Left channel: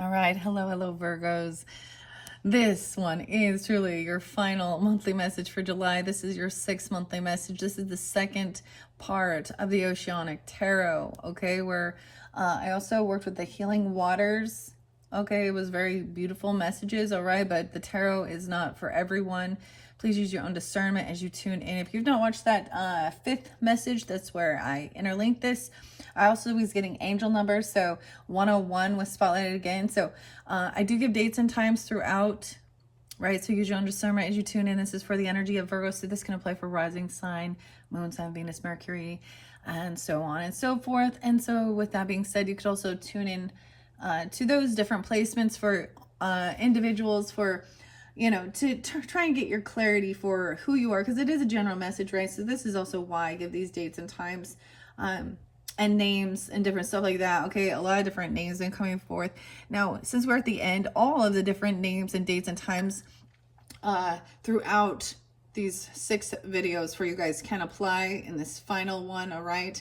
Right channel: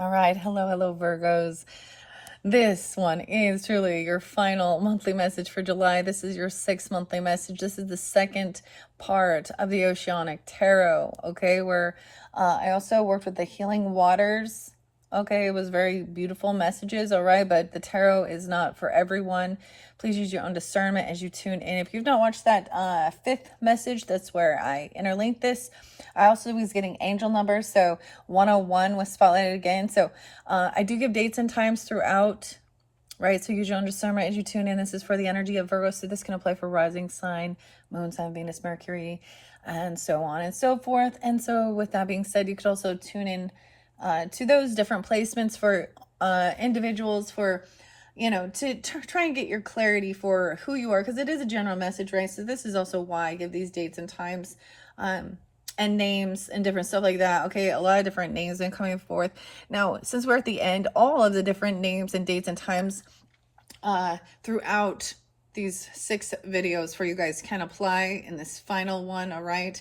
All right. Hello, Virgos. This one is truly your final monthly message for July. This is your 6th monthly message. This is the second part of the Oceanic Tarot, okay, where I also worked with the Healing Waters. Okay, it was very beautiful messages, all right, but the tarot is not for everyone. Please use your own discernment as you tune in. If you've not watched that 5th message, that's where I interlinked this. I also was getting angel numbers, so 101 was spotlighted again. So I do give dates and times throughout, right? So use your own discernment as you tune in. This is for the energy of Virgo, so this can apply for rising sign, moon sign, Venus, Mercury, and so on and so forth. And so with that being said, you could also tune in to those different placements for individuals, for to try and get your clarity for who you are, because it is a general message, right? So this is also why I give these dates and times and names and different stuff like that. Okay, a lot of different names and coming forth. Now, since we're at the end, all of the different names and dates and times throughout these 6 videos for you guys can apply in this final one, all right?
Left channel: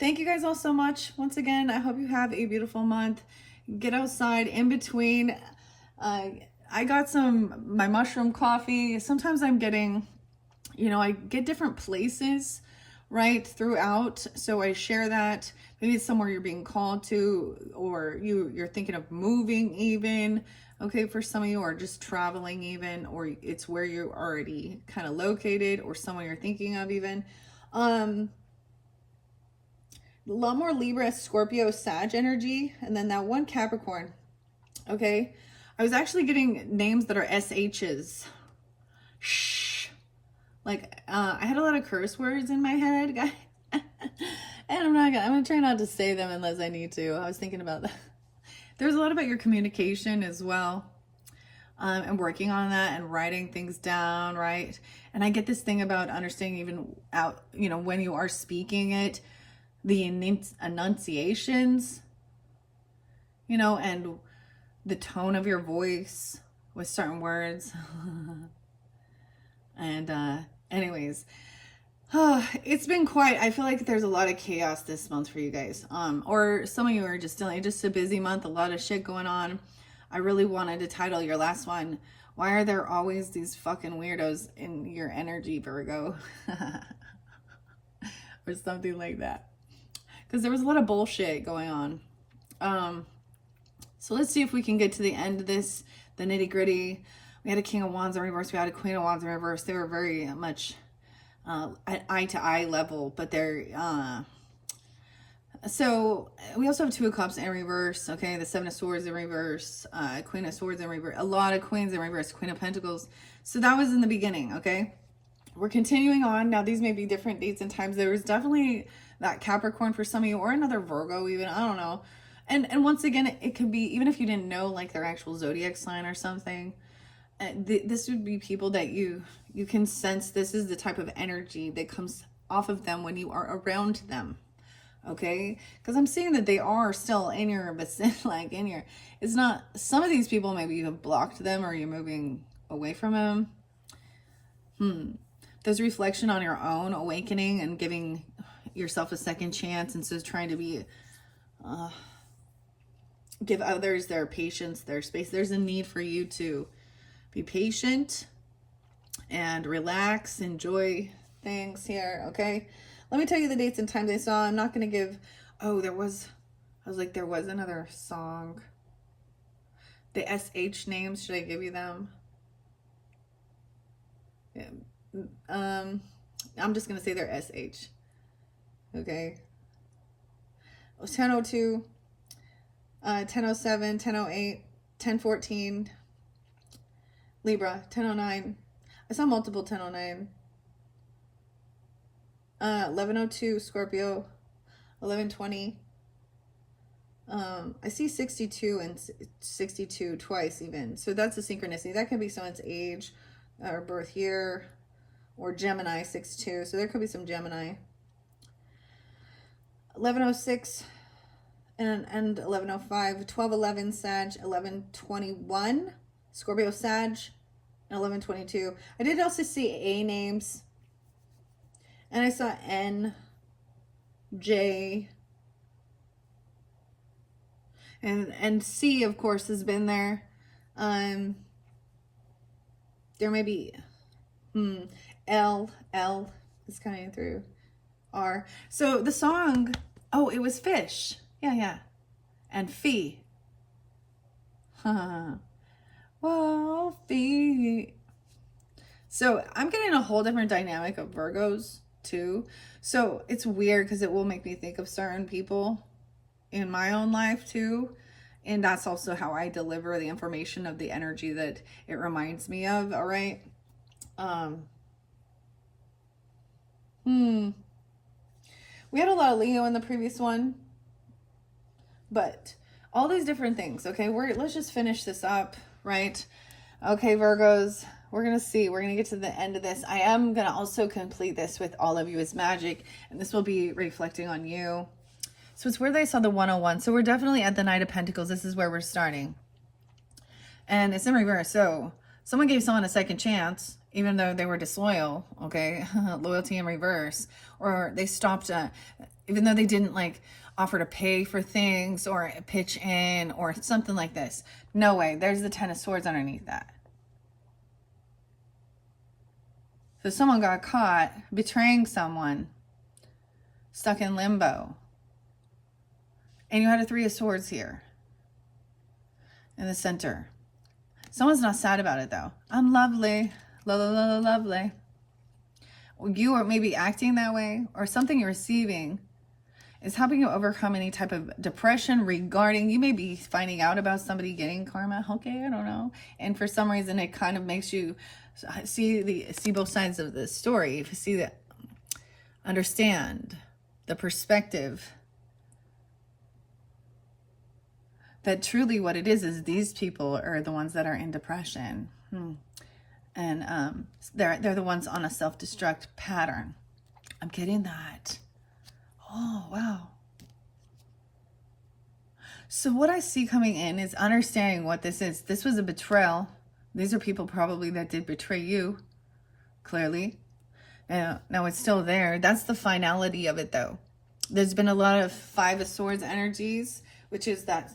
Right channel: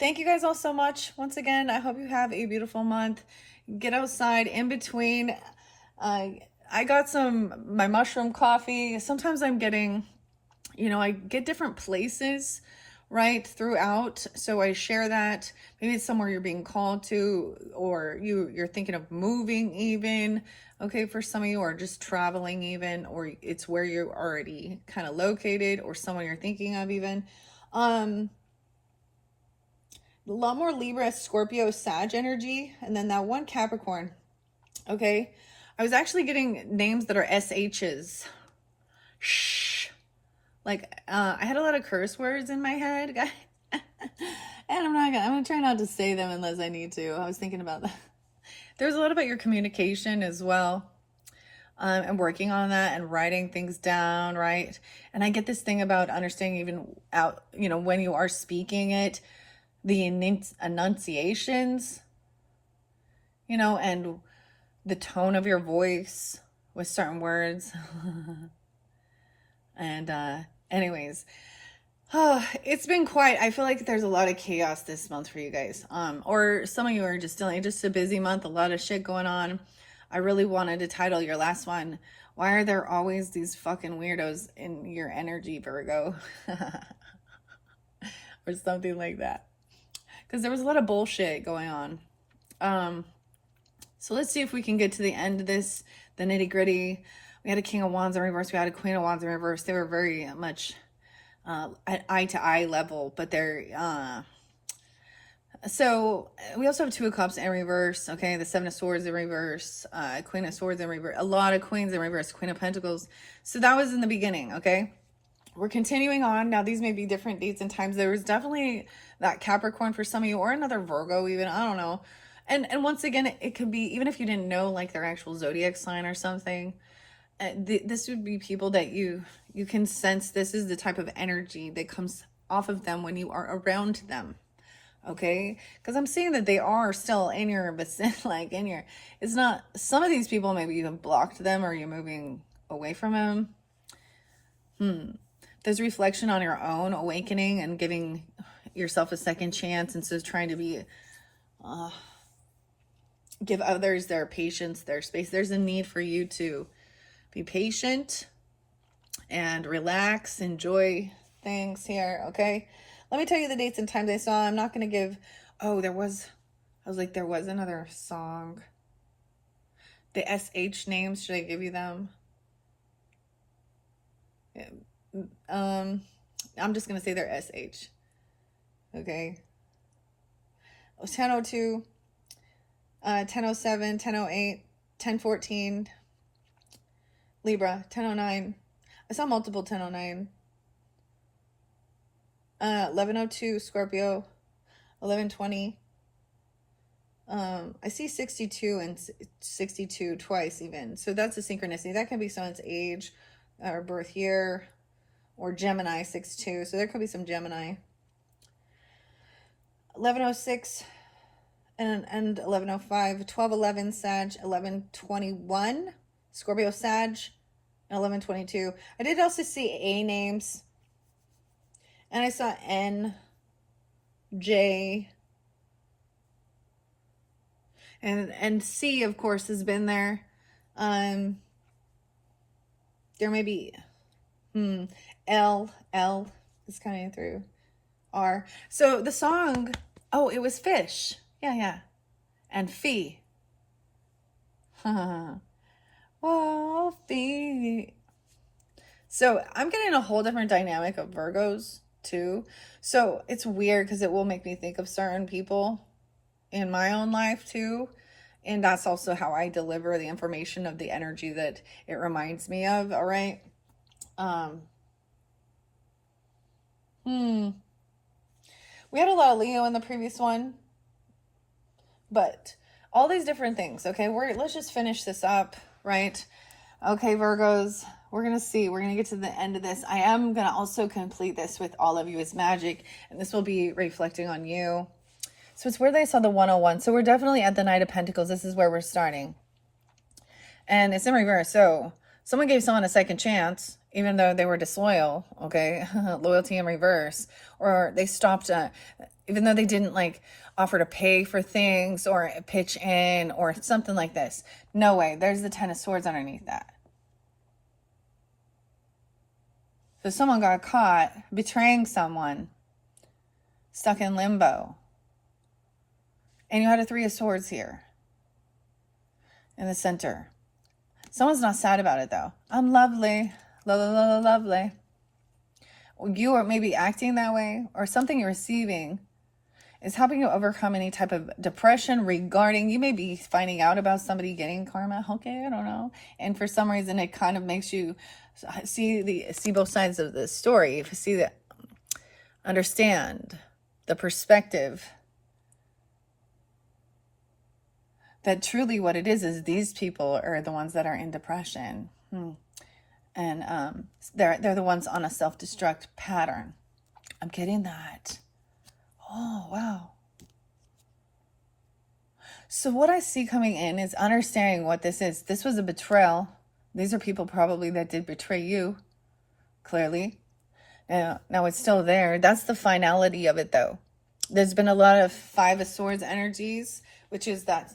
Thank you guys all so much. Once again, I hope you have a beautiful month. Get outside in between. I got my mushroom coffee. Sometimes I'm getting, I get different places, right, throughout. So I share that. Maybe it's somewhere you're being called to, or you're thinking of moving even, okay, for some of you, or just traveling even, or it's where you're already kind of located, or someone you're thinking of even. A lot more Libra, Scorpio, Sag energy, and then that one Capricorn, okay? I was actually getting names that are SHs. Shh. Like, I had a lot of curse words in my head, guys. And I'm gonna try not to say them unless I need to. I was thinking about that. There's a lot about your communication as well. And working on that and writing things down, right? And I get this thing about understanding even out, when you are speaking it, the enunciations, and the tone of your voice with certain words. And anyways, it's been quite, I feel like there's a lot of chaos this month for you guys. Or some of you are just dealing, just a busy month, a lot of shit going on. I really wanted to title your last one, "Why Are There Always These Fucking Weirdos in Your Energy, Virgo?" Or something like that. Because there was a lot of bullshit going on. So let's see if we can get to the end of this, the nitty gritty. We had a King of Wands in reverse. We had a Queen of Wands in reverse. They were very much at eye to eye level, but they're, so we also have 2 of Cups in reverse. Okay. The 7 of Swords in reverse, Queen of Swords in reverse, a lot of Queens in reverse, Queen of Pentacles. So that was in the beginning. Okay. We're continuing on. Now, these may be different dates and times. There was definitely that Capricorn for some of you, or another Virgo even. I don't know. And once again, it could be, even if you didn't know like their actual zodiac sign or something, this would be people that you can sense. This is the type of energy that comes off of them when you are around them. Okay, because I'm seeing that they are still in your vicinity, like in your, it's not, some of these people, maybe you have blocked them or you're moving away from them. There's reflection on your own awakening and giving yourself a second chance, and so trying to be give others their patience, their space. There's a need for you to be patient and relax, enjoy things here, okay? Let me tell you the dates and times I saw. I'm not going to give, there was another song. The SH names, should I give you them? Yeah. I'm just going to say they're SH. Okay. 1002, 1007, 1008, 1014, Libra, 1009. I saw multiple 1009. 1102, Scorpio, 1120. I see 62 and 62 twice even. So that's a synchronicity. That can be someone's age or birth year, or Gemini 62. So there could be some Gemini. 1106 and 1105, 1211 Sag, 1121 Scorpio Sag, and 1122. I did also see A names, and I saw N, J, And C, of course, has been there. There may be L is coming through. R. So the song, oh, it was fish. Yeah. And fee. Whoa, fee. So I'm getting a whole different dynamic of Virgos too. So it's weird because it will make me think of certain people in my own life too. And that's also how I deliver the information of the energy that it reminds me of. All right. We had a lot of Leo in the previous one, but all these different things. Okay, let's just finish this up, right? Okay, Virgos, we're gonna see. We're gonna get to the end of this. I am gonna also complete this with all of you as magic, and this will be reflecting on you. So it's where they saw the 101. So we're definitely at the Knight of Pentacles. This is where we're starting, and it's in reverse. So someone gave someone a second chance, even though they were disloyal. Okay, loyalty in reverse, or they stopped, even though they didn't like offer to pay for things or pitch in or something like this. No way. There's the 10 of Swords underneath that. So someone got caught betraying someone, stuck in limbo. And you had a 3 of Swords here in the center. Someone's not sad about it though. I'm lovely. Lovely. You are maybe acting that way, or something you're receiving is helping you overcome any type of depression regarding, you may be finding out about somebody getting karma. Okay, I don't know. And for some reason, it kind of makes you see both sides of the story. Understand the perspective that truly what it is these people are the ones that are in depression. And they're the ones on a self-destruct pattern. I'm getting that. Oh, wow. So what I see coming in is understanding what this is. This was a betrayal. These are people probably that did betray you, clearly. Now it's still there. That's the finality of it, though. There's been a lot of 5 of Swords energies, which is that,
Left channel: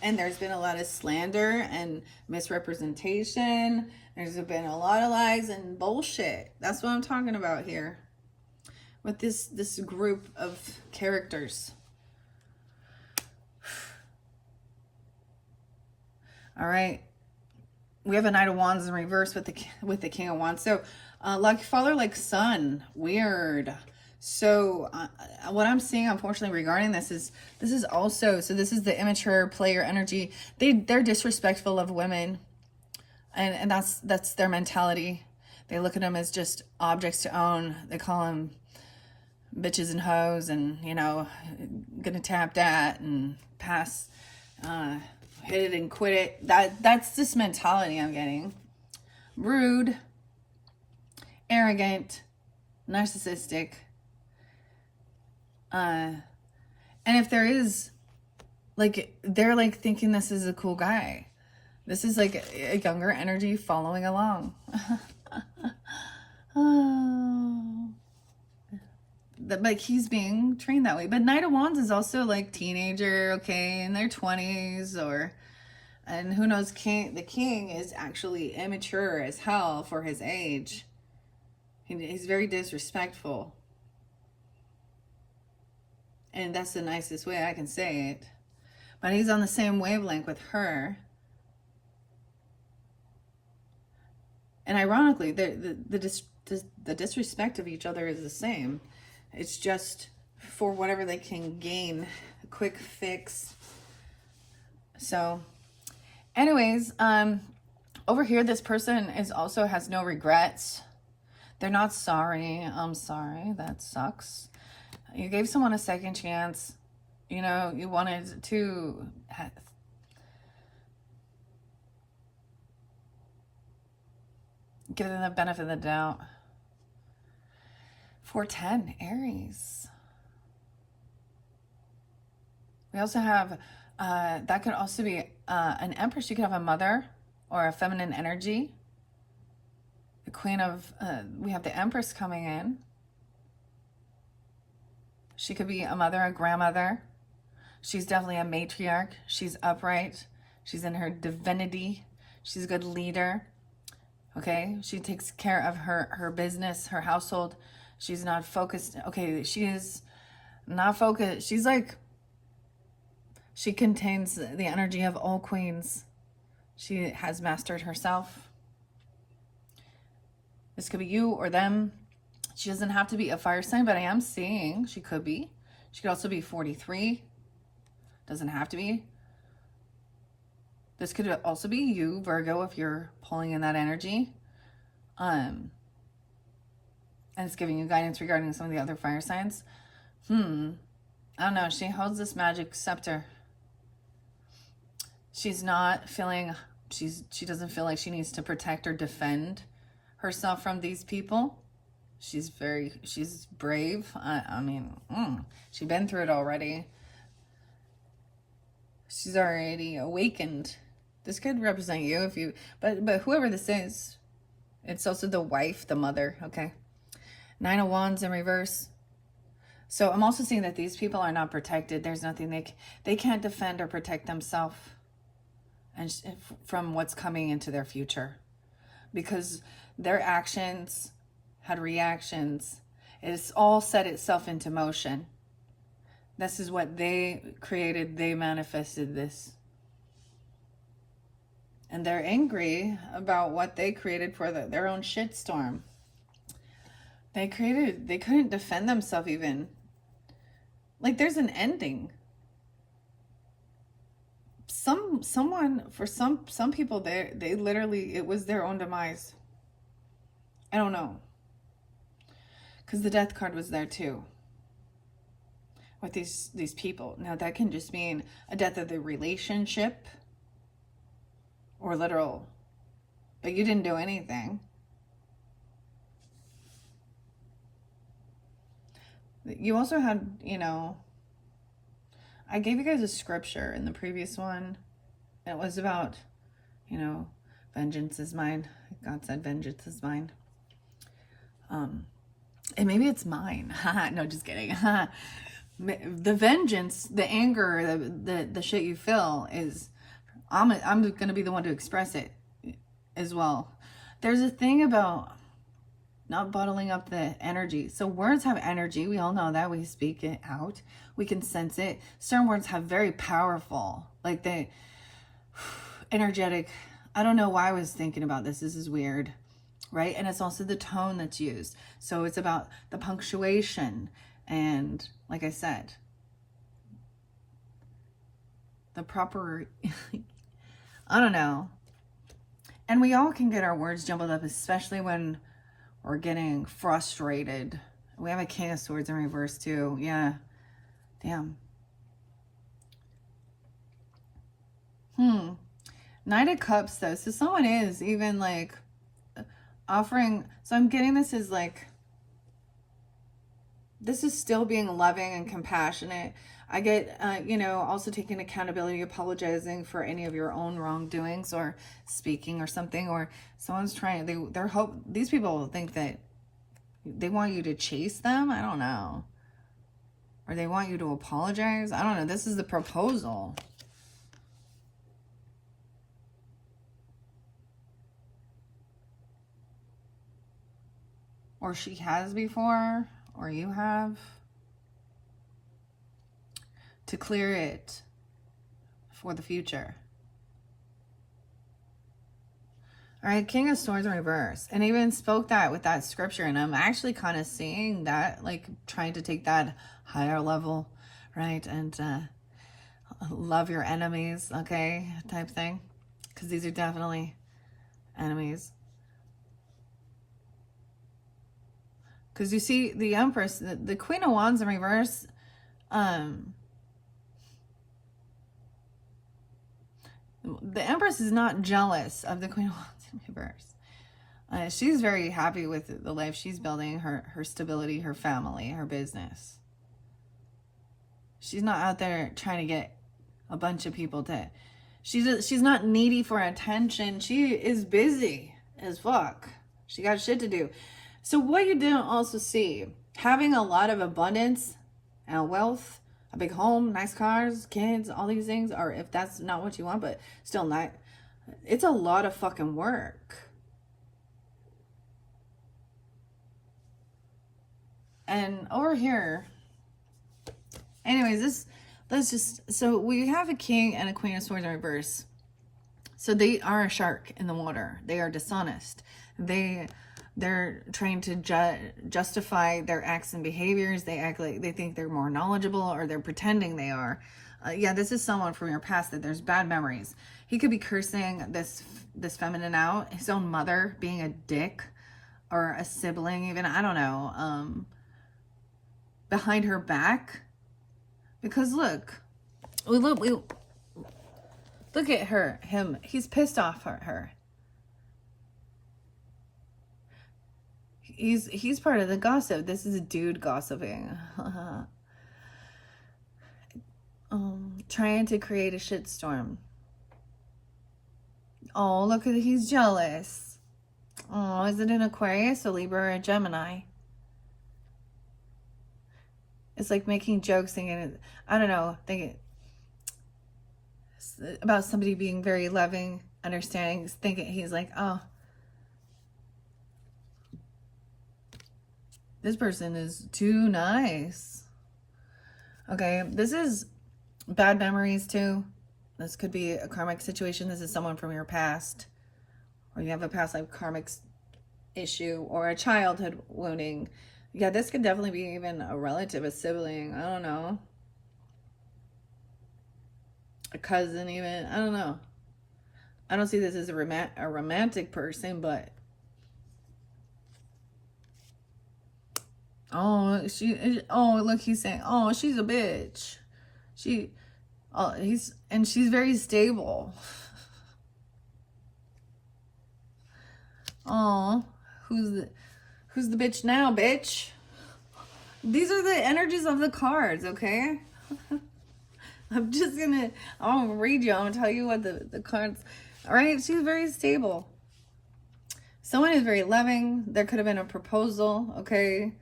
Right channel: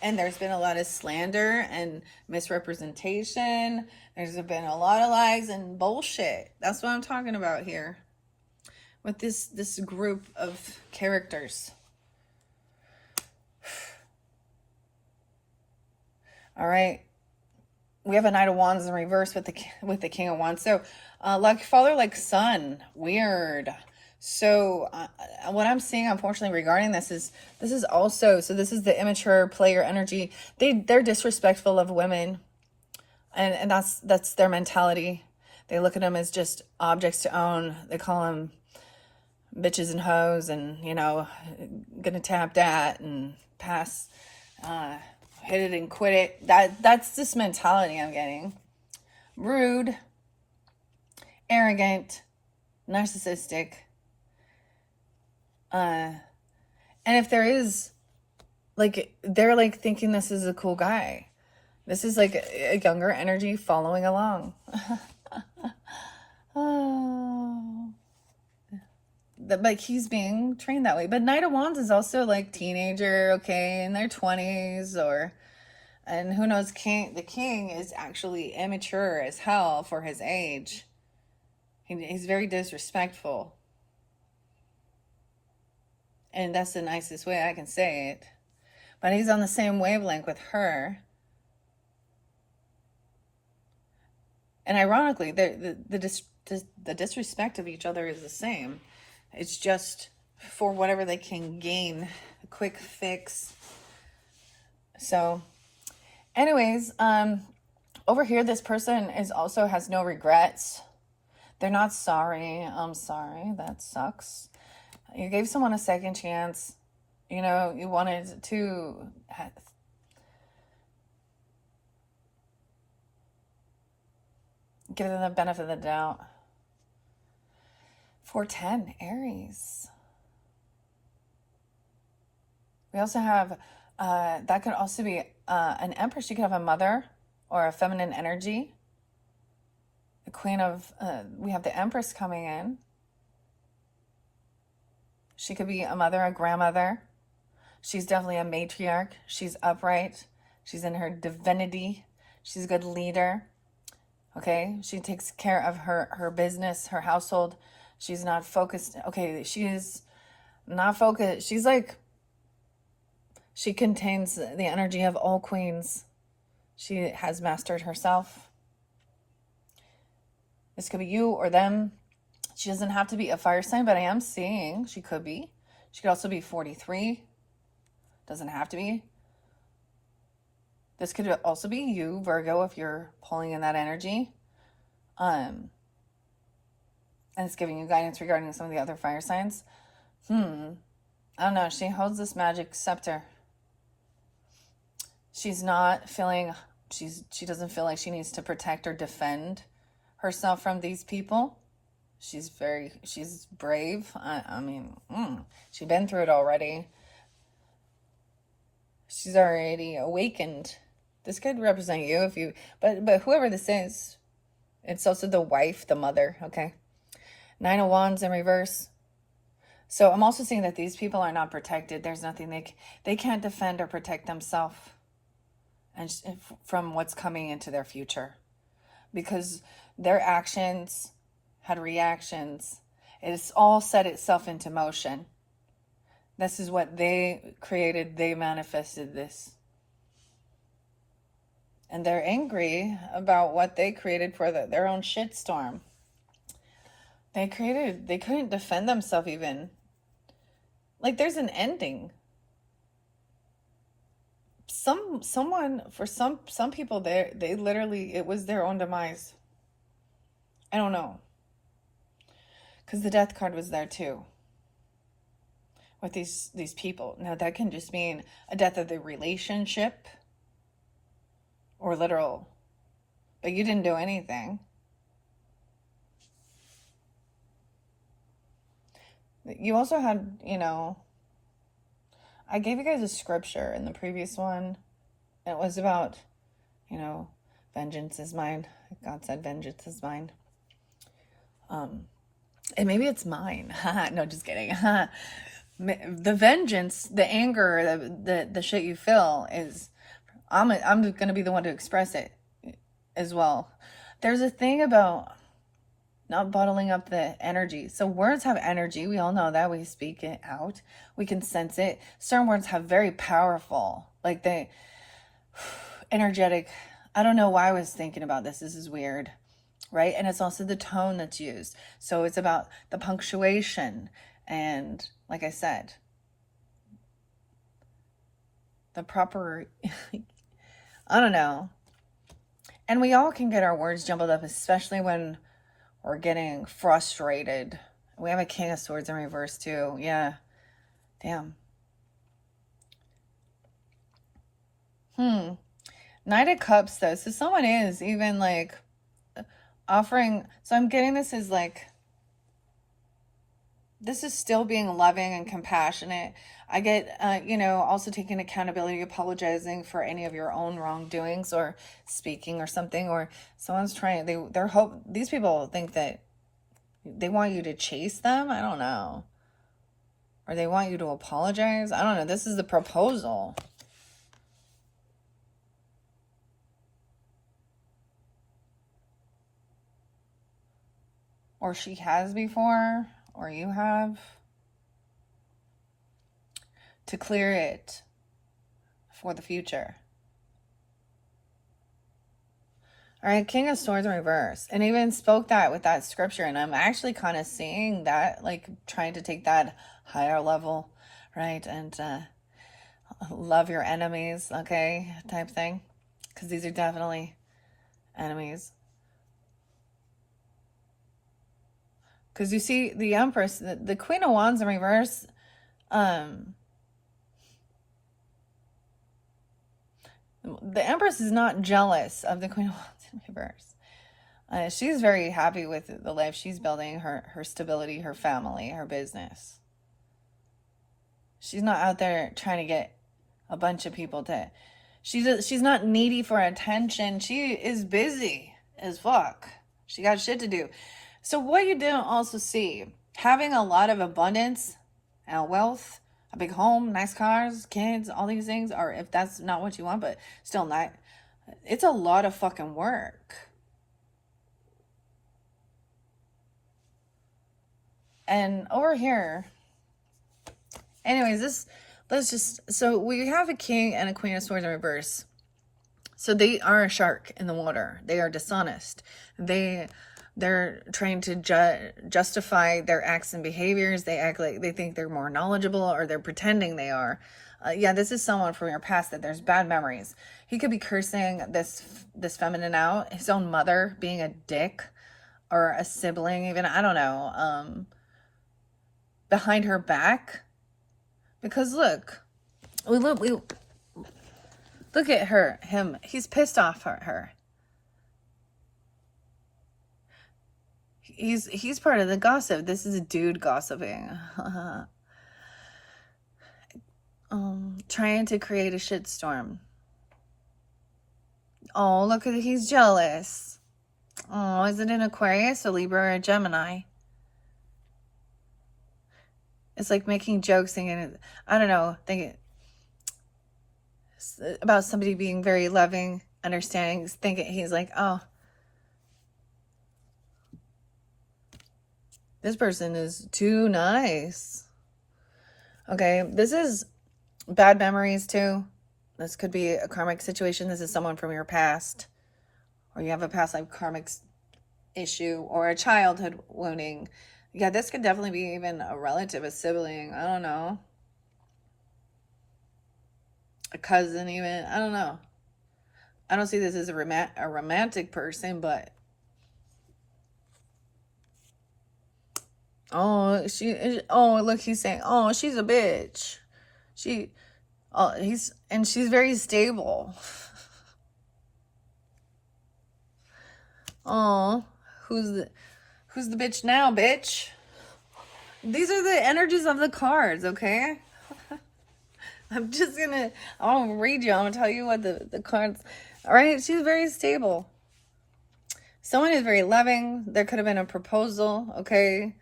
and there's been a lot of slander and misrepresentation. There's been a lot of lies and bullshit. That's what I'm talking about here with this group of characters. All right, we have a Knight of Wands in reverse with the King of Wands. So like father, like son, weird. So what I'm seeing, unfortunately, regarding this is also, so this is the immature player energy. They're disrespectful of women, and that's their mentality. They look at them as just objects to own. They call them bitches and hoes, and gonna tap that and pass, hit it and quit it. That's this mentality I'm getting. Rude, arrogant, narcissistic. And if there is, like, they're like thinking this is a cool guy. This is like a younger energy following along. Oh. But he's being trained that way. But Knight of Wands is also like teenager, okay, in their 20s, and who knows, the king is actually immature as hell for his age. He's very disrespectful. And that's the nicest way I can say it. But he's on the same wavelength with her. And ironically, the disrespect of each other is the same. It's just for whatever they can gain, a quick fix. So, anyways, over here, this person also has no regrets. They're not sorry. I'm sorry. That sucks. You gave someone a second chance. You wanted to give them the benefit of the doubt. 410, Aries. We also have, that could also be an Empress. You could have a mother or a feminine energy. The Queen of, we have the Empress coming in. She could be a mother, a grandmother. She's definitely a matriarch. She's upright. She's in her divinity. She's a good leader. Okay, she takes care of her business, her household. She's not focused. Okay, she is not focused. She's like, she contains the energy of all queens. She has mastered herself. This could be you or them. She doesn't have to be a fire sign, but I am seeing she could be. She could also be 43. Doesn't have to be. This could also be you, Virgo, if you're pulling in that energy. And it's giving you guidance regarding some of the other fire signs. I don't know. She holds this magic scepter. She's not feeling, she doesn't feel like she needs to protect or defend herself from these people. She's brave. I mean, she's been through it already. She's already awakened. This could represent you if you, but whoever this is, it's also the wife, the mother, okay? 9 of Wands in reverse. So I'm also seeing that these people are not protected. There's nothing they can't defend or protect themselves and from what's coming into their future, because their actions had reactions. It's all set itself into motion. This is what they created. They manifested this. And they're angry about what they created for their own shitstorm. They couldn't defend themselves even. Like, there's an ending. For some people, they literally, it was their own demise. I don't know. Because the death card was there too. With these people. Now, that can just mean a death of the relationship. Or literal. But you didn't do anything. You also had, I gave you guys a scripture in the previous one. It was about, vengeance is mine. God said vengeance is mine. And maybe it's mine. No, just kidding. The vengeance, the anger, the shit you feel is, I'm going to be the one to express it as well. There's a thing about not bottling up the energy. So words have energy. We all know that. We speak it out. We can sense it. Certain words have very powerful, like energetic. I don't know why I was thinking about this. This is weird, right? And it's also the tone that's used. So it's about the punctuation. And like I said, the proper, I don't know. And we all can get our words jumbled up, especially when we're getting frustrated. We have a King of Swords in reverse too. Yeah. Damn. Knight of Cups though. So someone is even like offering. So I'm getting this as like, this is still being loving and compassionate. I get, also taking accountability, apologizing for any of your own wrongdoings or speaking or something, or someone's trying, these people think that they want you to chase them. I don't know. Or they want you to apologize. I don't know. This is the proposal. Or she has before, or you have. To clear it for the future. All right, King of Swords in reverse. And even spoke that with that scripture. And I'm actually kind of seeing that, like trying to take that higher level, right? And love your enemies, okay, type thing. Because these are definitely enemies. Because you see the Empress, the Queen of Wands in reverse, the Empress is not jealous of the Queen of Wands in reverse. She's very happy with the life she's building, her stability, her family, her business. She's not out there trying to get a bunch of people to... She's not needy for attention. She is busy as fuck. She got shit to do. So what you didn't also see, having a lot of abundance and wealth a big home, nice cars, kids, all these things, or if that's not what you want, but still not, it's a lot of fucking work. And over here, anyways, so we have a king and a queen of swords in reverse. So they are a shark in the water. They are dishonest. They're trying to justify their acts and behaviors. They act like they think they're more knowledgeable, or they're pretending they are. Yeah, this is someone from your past that there's bad memories. He could be cursing this feminine out, his own mother being a dick, or a sibling even, I don't know, behind her back. Because look at him. He's pissed off at her. He's part of the gossip. This is a dude gossiping. Trying to create a shitstorm. Oh, look at it. He's jealous. Oh, is it an Aquarius, a Libra, or a Gemini? It's like making jokes, thinking, I don't know, thinking about somebody being very loving, understanding, thinking he's like, oh, this person is too nice. Okay, this is bad memories too. This could be a karmic situation. This is someone from your past, or you have a past life karmic issue, or a childhood wounding. Yeah, this could definitely be even a relative, a sibling. I don't know. A cousin even. I don't know. I don't see this as a romantic person, but... Oh, look, he's saying, oh, she's a bitch. She's very stable. Oh, who's the bitch now, bitch? These are the energies of the cards, okay? I'm gonna read you. I'm gonna tell you what the cards, all right? She's very stable. Someone is very loving. There could have been a proposal, okay?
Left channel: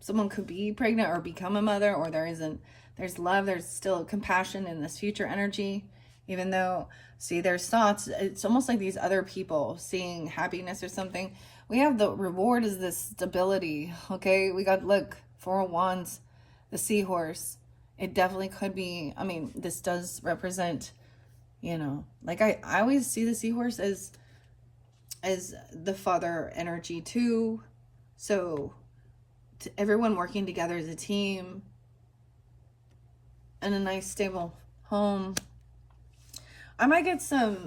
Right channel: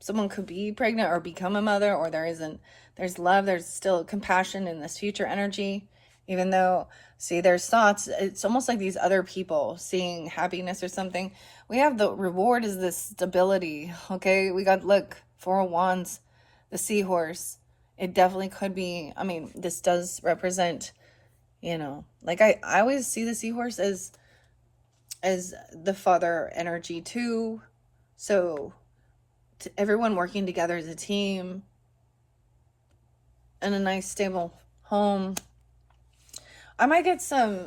Someone could be pregnant or become a mother, or there's love, there's still compassion in this future energy, even though, see, there's thoughts. It's almost like these other people seeing happiness or something. We have the reward is this stability, okay? We got, look, Four of Wands, the seahorse. It definitely could be, I mean, this does represent, like I always see the seahorse as the father energy too. So everyone working together as a team in a nice stable home. I might get some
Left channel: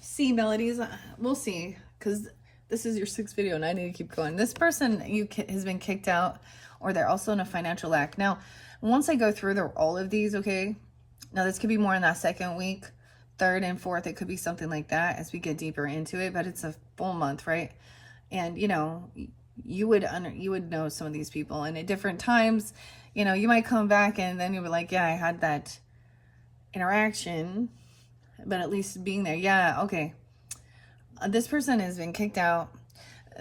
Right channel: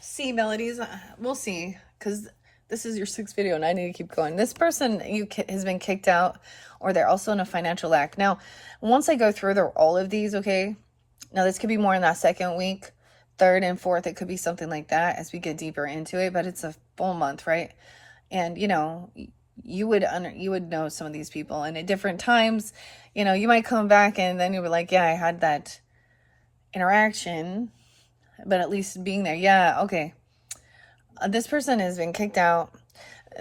C melodies. We'll see, because this is your 6th video and I need to keep going. This person has been kicked out, or they're also in a financial lack. Now, once I go through all of these, okay, now this could be more in that 2nd week, 3rd and 4th. It could be something like that as we get deeper into it, but it's a full month, right? And, you would know some of these people, and at different times, you might come back and then you were like, yeah, I had that interaction, but at least being there. Yeah, okay. This person has been kicked out.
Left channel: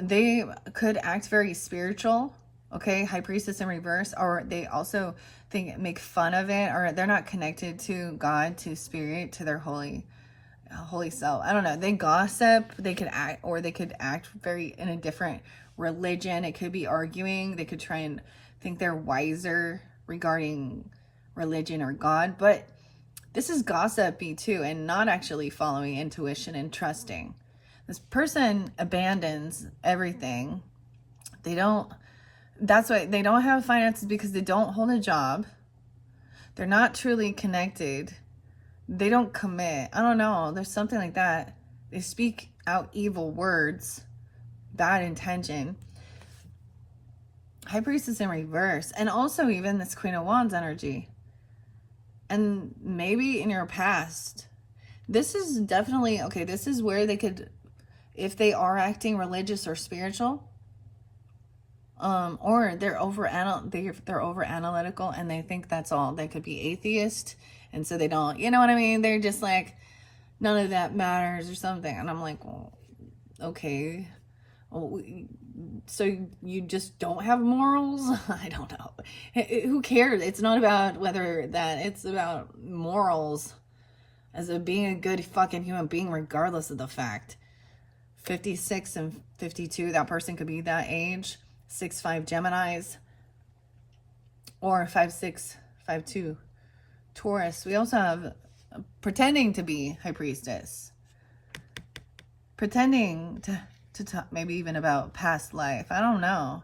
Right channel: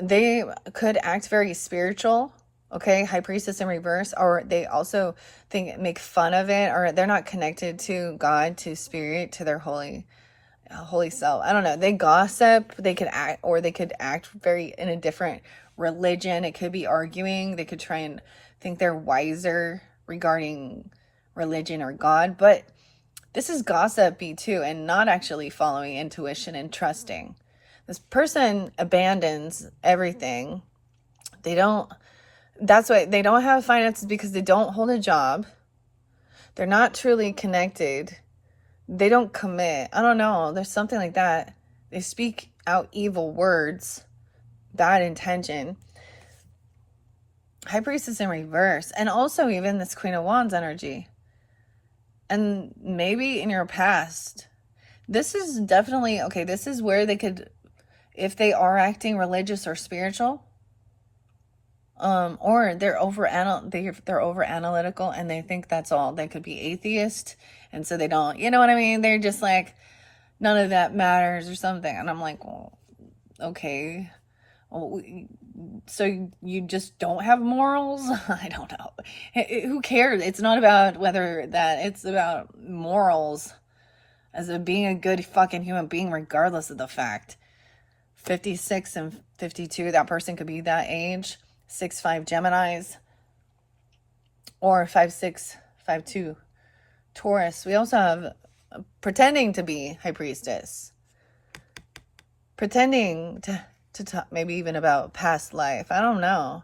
They could act very spiritual, okay? High Priestess in reverse, or they also make fun of it, or they're not connected to God, to spirit, to their holy self. I don't know. They gossip. They could act very in a different religion. It could be arguing. They could try and think they're wiser regarding religion or God, but this is gossipy too, and not actually following intuition and trusting. This person abandons everything. That's why they don't have finances, because they don't hold a job. They're not truly connected. They don't commit. I don't know. There's something like that. They speak out evil words, bad intention. High Priestess in reverse. And also even this Queen of Wands energy. And maybe in your past, this is definitely, okay, this is where they could, if they are acting religious or spiritual, or they're over analytical and they think that's all. They could be atheist, and so they don't, you know what I mean? They're just like, none of that matters or something. And I'm like, well, okay, well, So you just don't have morals? I don't know. Who cares? It's not about whether that, it's about morals as of being a good fucking human being, regardless of the fact. 56 and 52, that person could be that age. 6'5" Geminis, or 5'6", 5'2" Taurus. We also have pretending to be High Priestess, pretending to talk maybe even about past life. I don't know.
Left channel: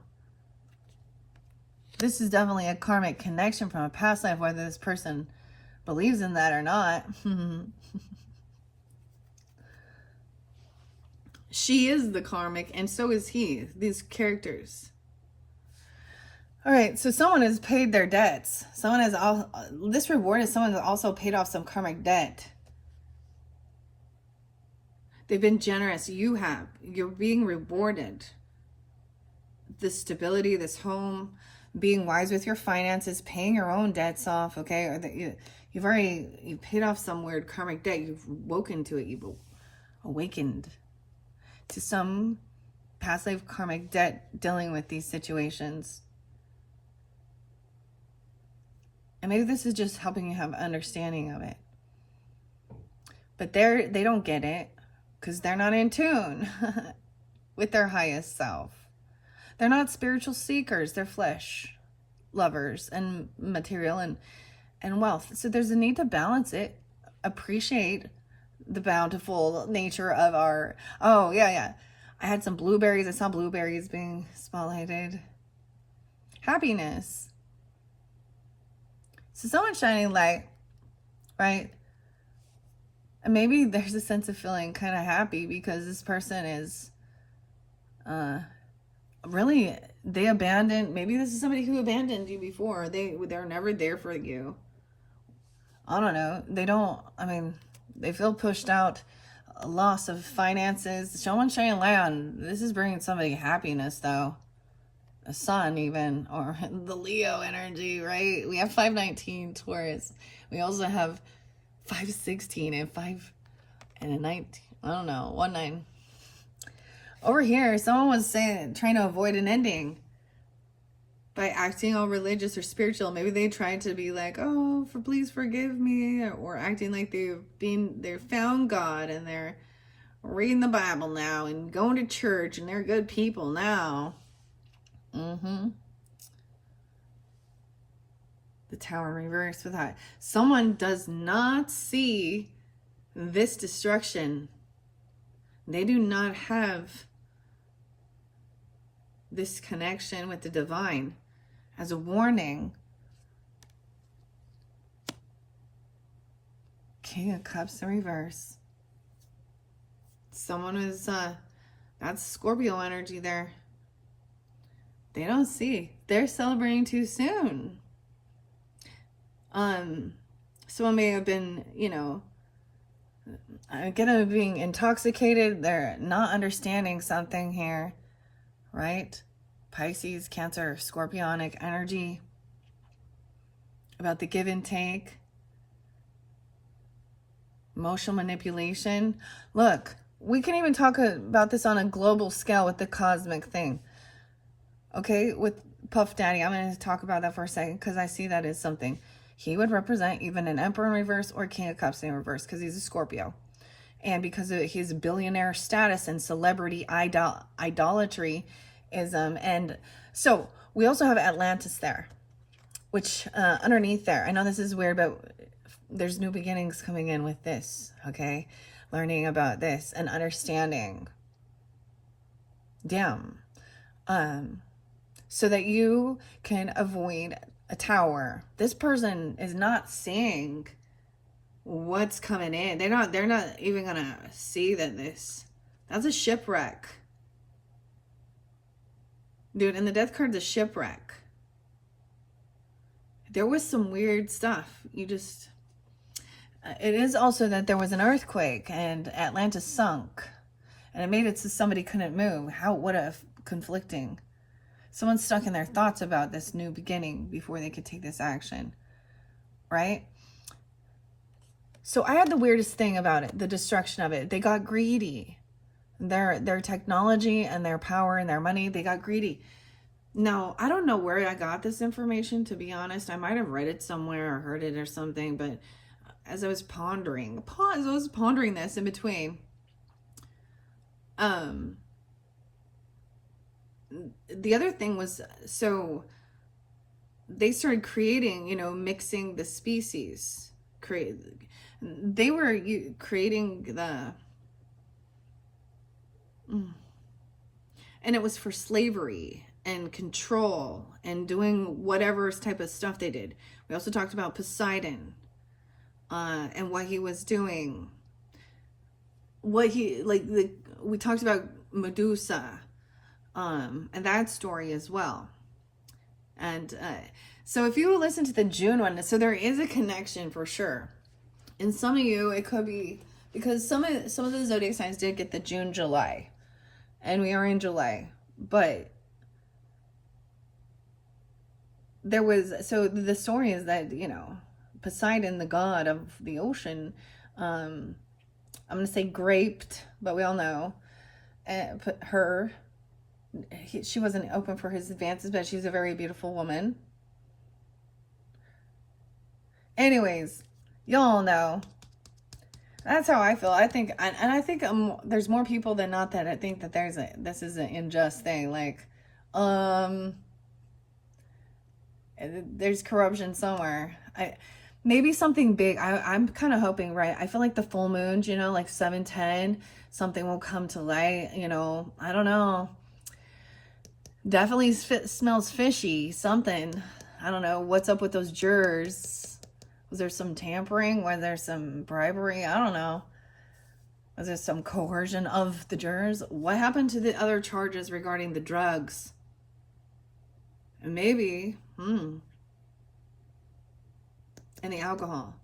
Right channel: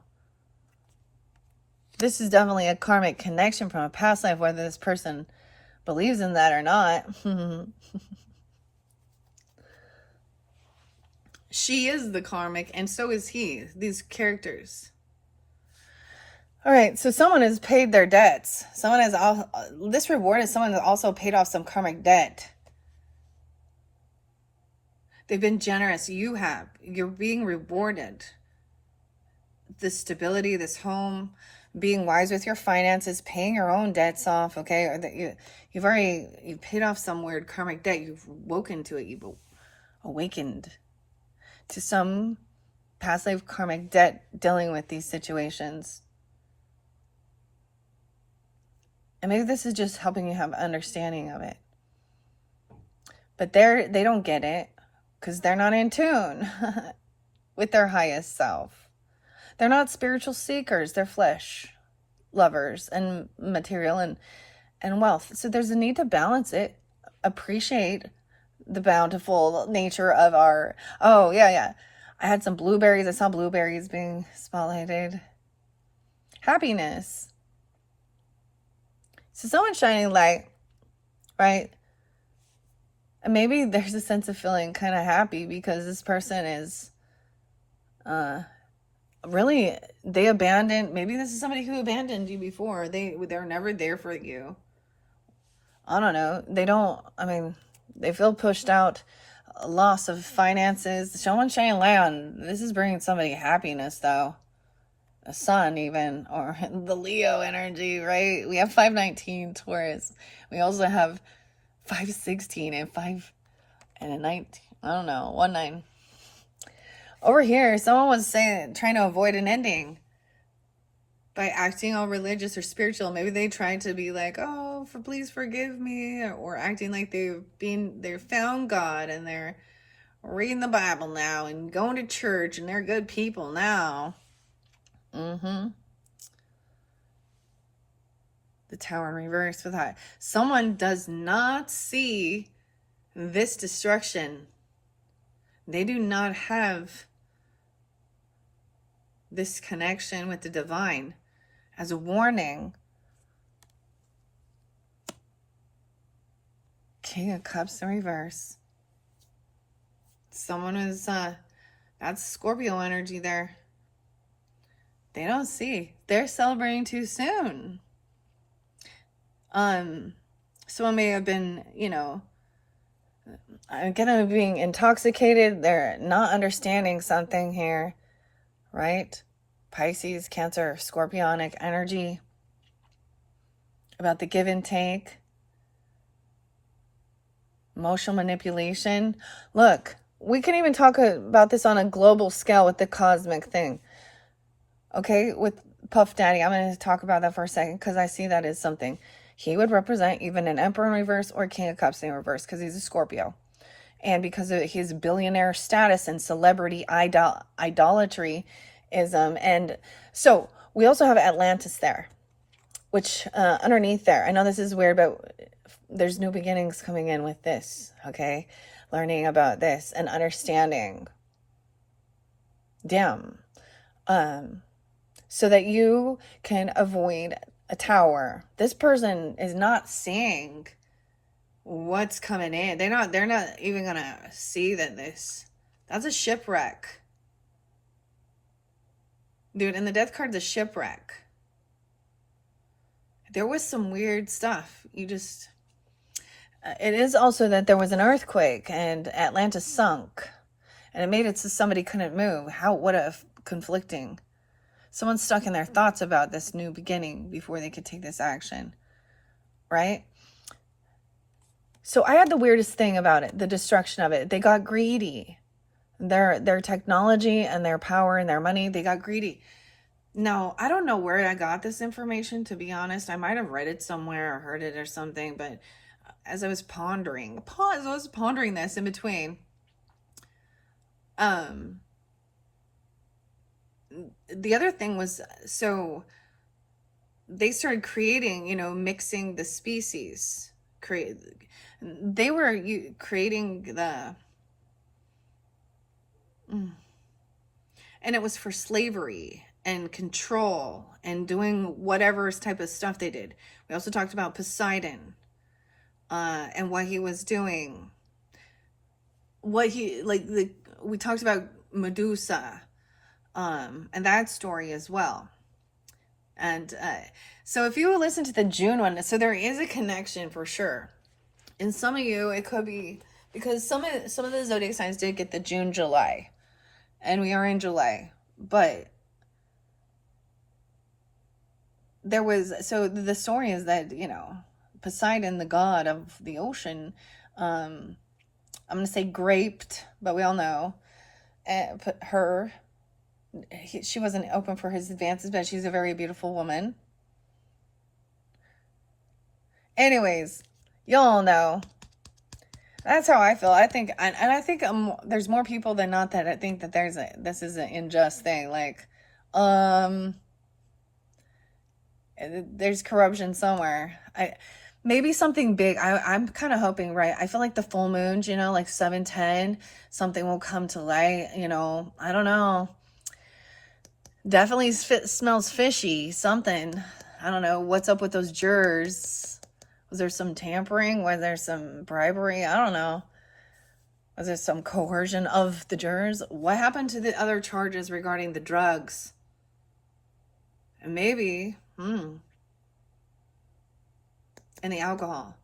This is definitely a karmic connection from a past life, whether this person believes in that or not. She is the karmic, and so is he, these characters. All right, so someone has paid their debts. Someone has this reward is someone has also paid off some karmic debt. They've been generous. You have. You're being rewarded. This stability, this home, being wise with your finances, paying your own debts off, okay? Or that you've paid off some weird karmic debt. You've woken to it. You've awakened to some past life karmic debt dealing with these situations. And maybe this is just helping you have understanding of it. But they don't get it because they're not in tune with their highest self. They're not spiritual seekers. They're flesh lovers and material and wealth. So there's a need to balance it. Appreciate the bountiful nature of our... Oh, yeah. I had some blueberries. I saw blueberries being spotlighted. Happiness. So someone's shining light, right? And maybe there's a sense of feeling kind of happy because this person is really, they abandoned. Maybe this is somebody who abandoned you before. They were never there for you. I don't know. They feel pushed out, a loss of finances. Someone's shining light on. This is bringing somebody happiness, though. A sun even, or the Leo energy, right? We have 519 Taurus. We also have 516 and 5 and a 19. I don't know, 19. Over here, someone was trying to avoid an ending by acting all religious or spiritual. Maybe they tried to be like, oh, please forgive me, or acting like they found God and they're reading the Bible now and going to church and they're good people now. The Tower in reverse with that. Someone does not see this destruction. They do not have this connection with the divine as a warning. King of Cups in reverse. Someone is, that's Scorpio energy there. They don't see. They're celebrating too soon. Someone may have been, again, being intoxicated. They're not understanding something here, right? Pisces, Cancer, Scorpionic energy. About the give and take. Emotional manipulation. Look, we can even talk about this on a global scale with the cosmic thing. Okay, with Puff Daddy, I'm going to talk about that for a second because I see that as something. He would represent even an Emperor in reverse or King of Cups in reverse because he's a Scorpio. And because of his billionaire status and celebrity idolatryism. And so we also have Atlantis there, which underneath there, I know this is weird, but there's new beginnings coming in with this, okay? Learning about this and understanding. Damn. So that you can avoid a tower. This person is not seeing what's coming in. They're not even gonna see that's a shipwreck. Dude, and the death card's a shipwreck. There was some weird stuff. It is also that there was an earthquake and Atlantis sunk. And it made it so somebody couldn't move. What a conflicting. Someone's stuck in their thoughts about this new beginning before they could take this action, right? So I had the weirdest thing about it, the destruction of it. They got greedy. their technology and their power and their money. They got greedy. Now, I don't know where I got this information, to be honest. I might have read it somewhere or heard it or something, but as I was pondering this in between, the other thing was, so they started creating, mixing the species. They were creating and it was for slavery and control and doing whatever type of stuff they did. We also talked about Poseidon, and what he was doing. We talked about Medusa, and that story as well. And so if you listen to the June one, so there is a connection for sure. And some of you, it could be because some of the zodiac signs did get the June, July, and we are in July. But there was, so the story is that, Poseidon, the god of the ocean, I'm going to say graped, but we all know, she wasn't open for his advances, but she's a very beautiful woman. Anyways, y'all know. That's how I feel. I think, and I think there's more people than not that I think that this is an unjust thing. Like, there's corruption somewhere. Maybe something big. I'm kind of hoping, right? I feel like the full moon, like 7/10, something will come to light. I don't know. Definitely smells fishy. Something. I don't know what's up with those jurors. Was there some tampering? Was there some bribery? I don't know. Was there some coercion of the jurors? What happened to the other charges regarding the drugs? And maybe, and the alcohol.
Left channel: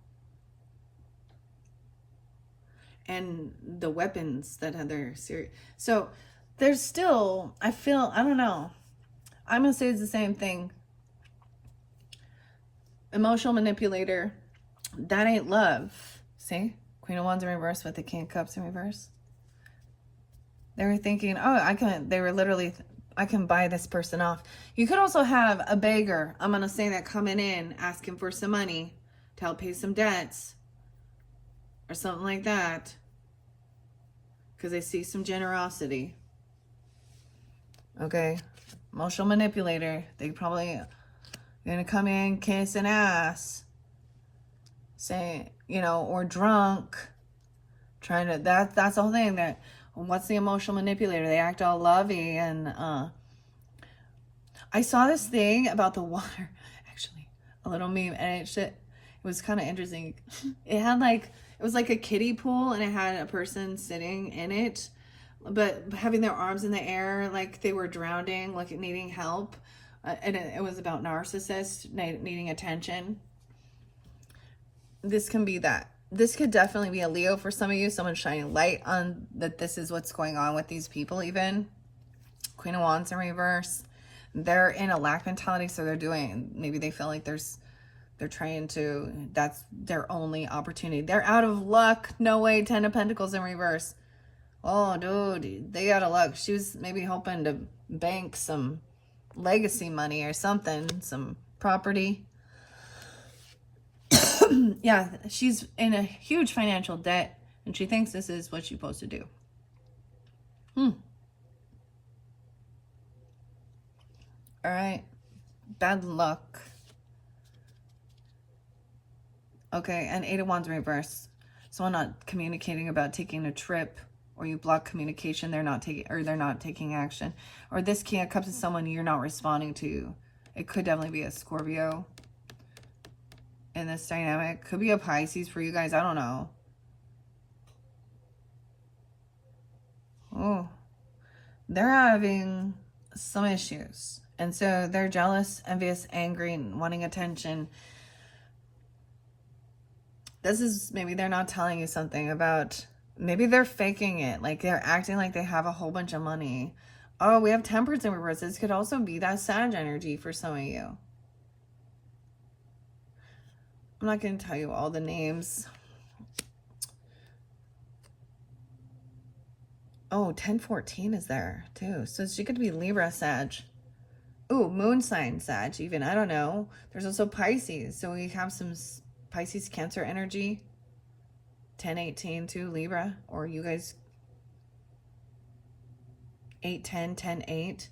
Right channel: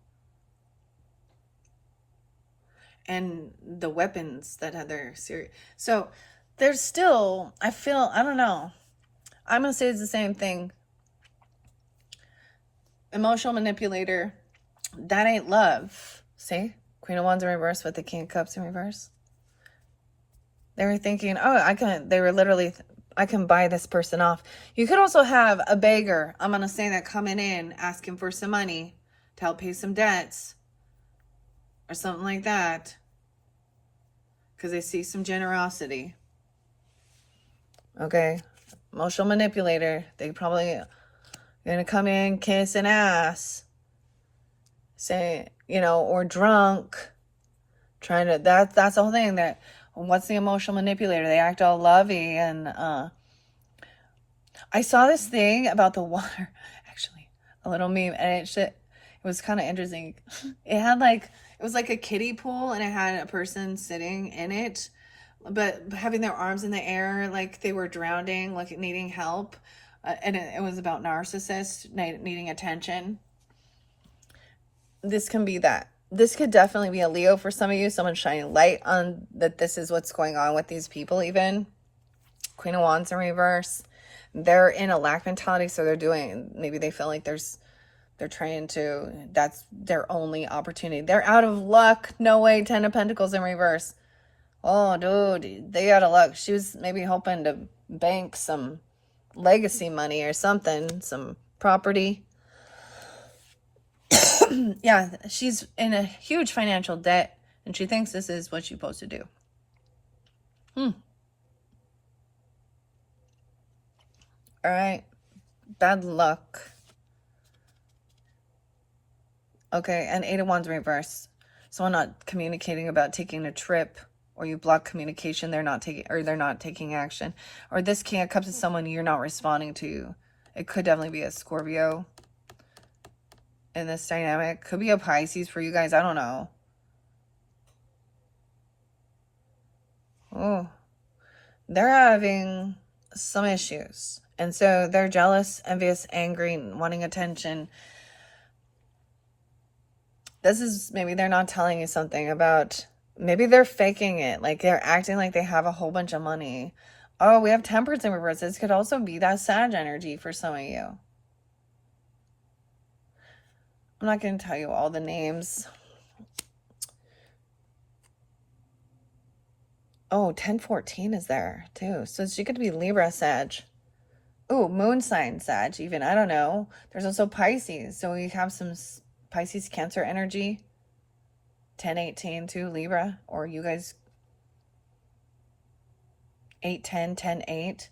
And the weapons that had their series. So there's still, I don't know. I'm going to say it's the same thing. Emotional manipulator, that ain't love. See? Queen of Wands in reverse with the King of Cups in reverse. They were thinking, I can buy this person off. You could also have a beggar, I'm going to say that, coming in, asking for some money to help pay some debts. Or something like that. Because they see some generosity. Okay? Emotional manipulator. They probably gonna come in kissing ass, say, or drunk, trying to, that's the whole thing. That, what's the emotional manipulator? They act all lovey. And I saw this thing about the water, actually, a little meme, and it was kind of interesting. It was like a kiddie pool, and it had a person sitting in it, but having their arms in the air like they were drowning, like needing help. And it was about narcissists needing attention. This can be that. This could definitely be a Leo for some of you. Someone shining light on that this is what's going on with these people even. Queen of Wands in reverse. They're in a lack mentality, so maybe they feel like they're trying to, that's their only opportunity. They're out of luck. No way. 10 of Pentacles in reverse. Oh, dude, they out of luck. She was maybe hoping to bank some legacy money or something, some property. Yeah, she's in a huge financial debt, and she thinks this is what she's supposed to do. All right, bad luck. Okay, and 8 of Wands reverse. Someone not communicating about taking a trip, or you block communication, they're not taking action. Or this King of Cups is someone you're not responding to. It could definitely be a Scorpio in this dynamic. Could be a Pisces for you guys, I don't know. Oh, they're having some issues. And so they're jealous, envious, angry, wanting attention. This is, maybe they're not telling you something about, maybe they're faking it. Like they're acting like they have a whole bunch of money. Oh, we have Temperance in reverse. This could also be that Sag energy for some of you. I'm not going to tell you all the names. Oh, 1014 is there too. So she could be Libra, Sag. Oh, moon sign Sag even. I don't know. There's also Pisces. So we have some Pisces Cancer energy. 1018 too, Libra. Or you guys 810, 10-8.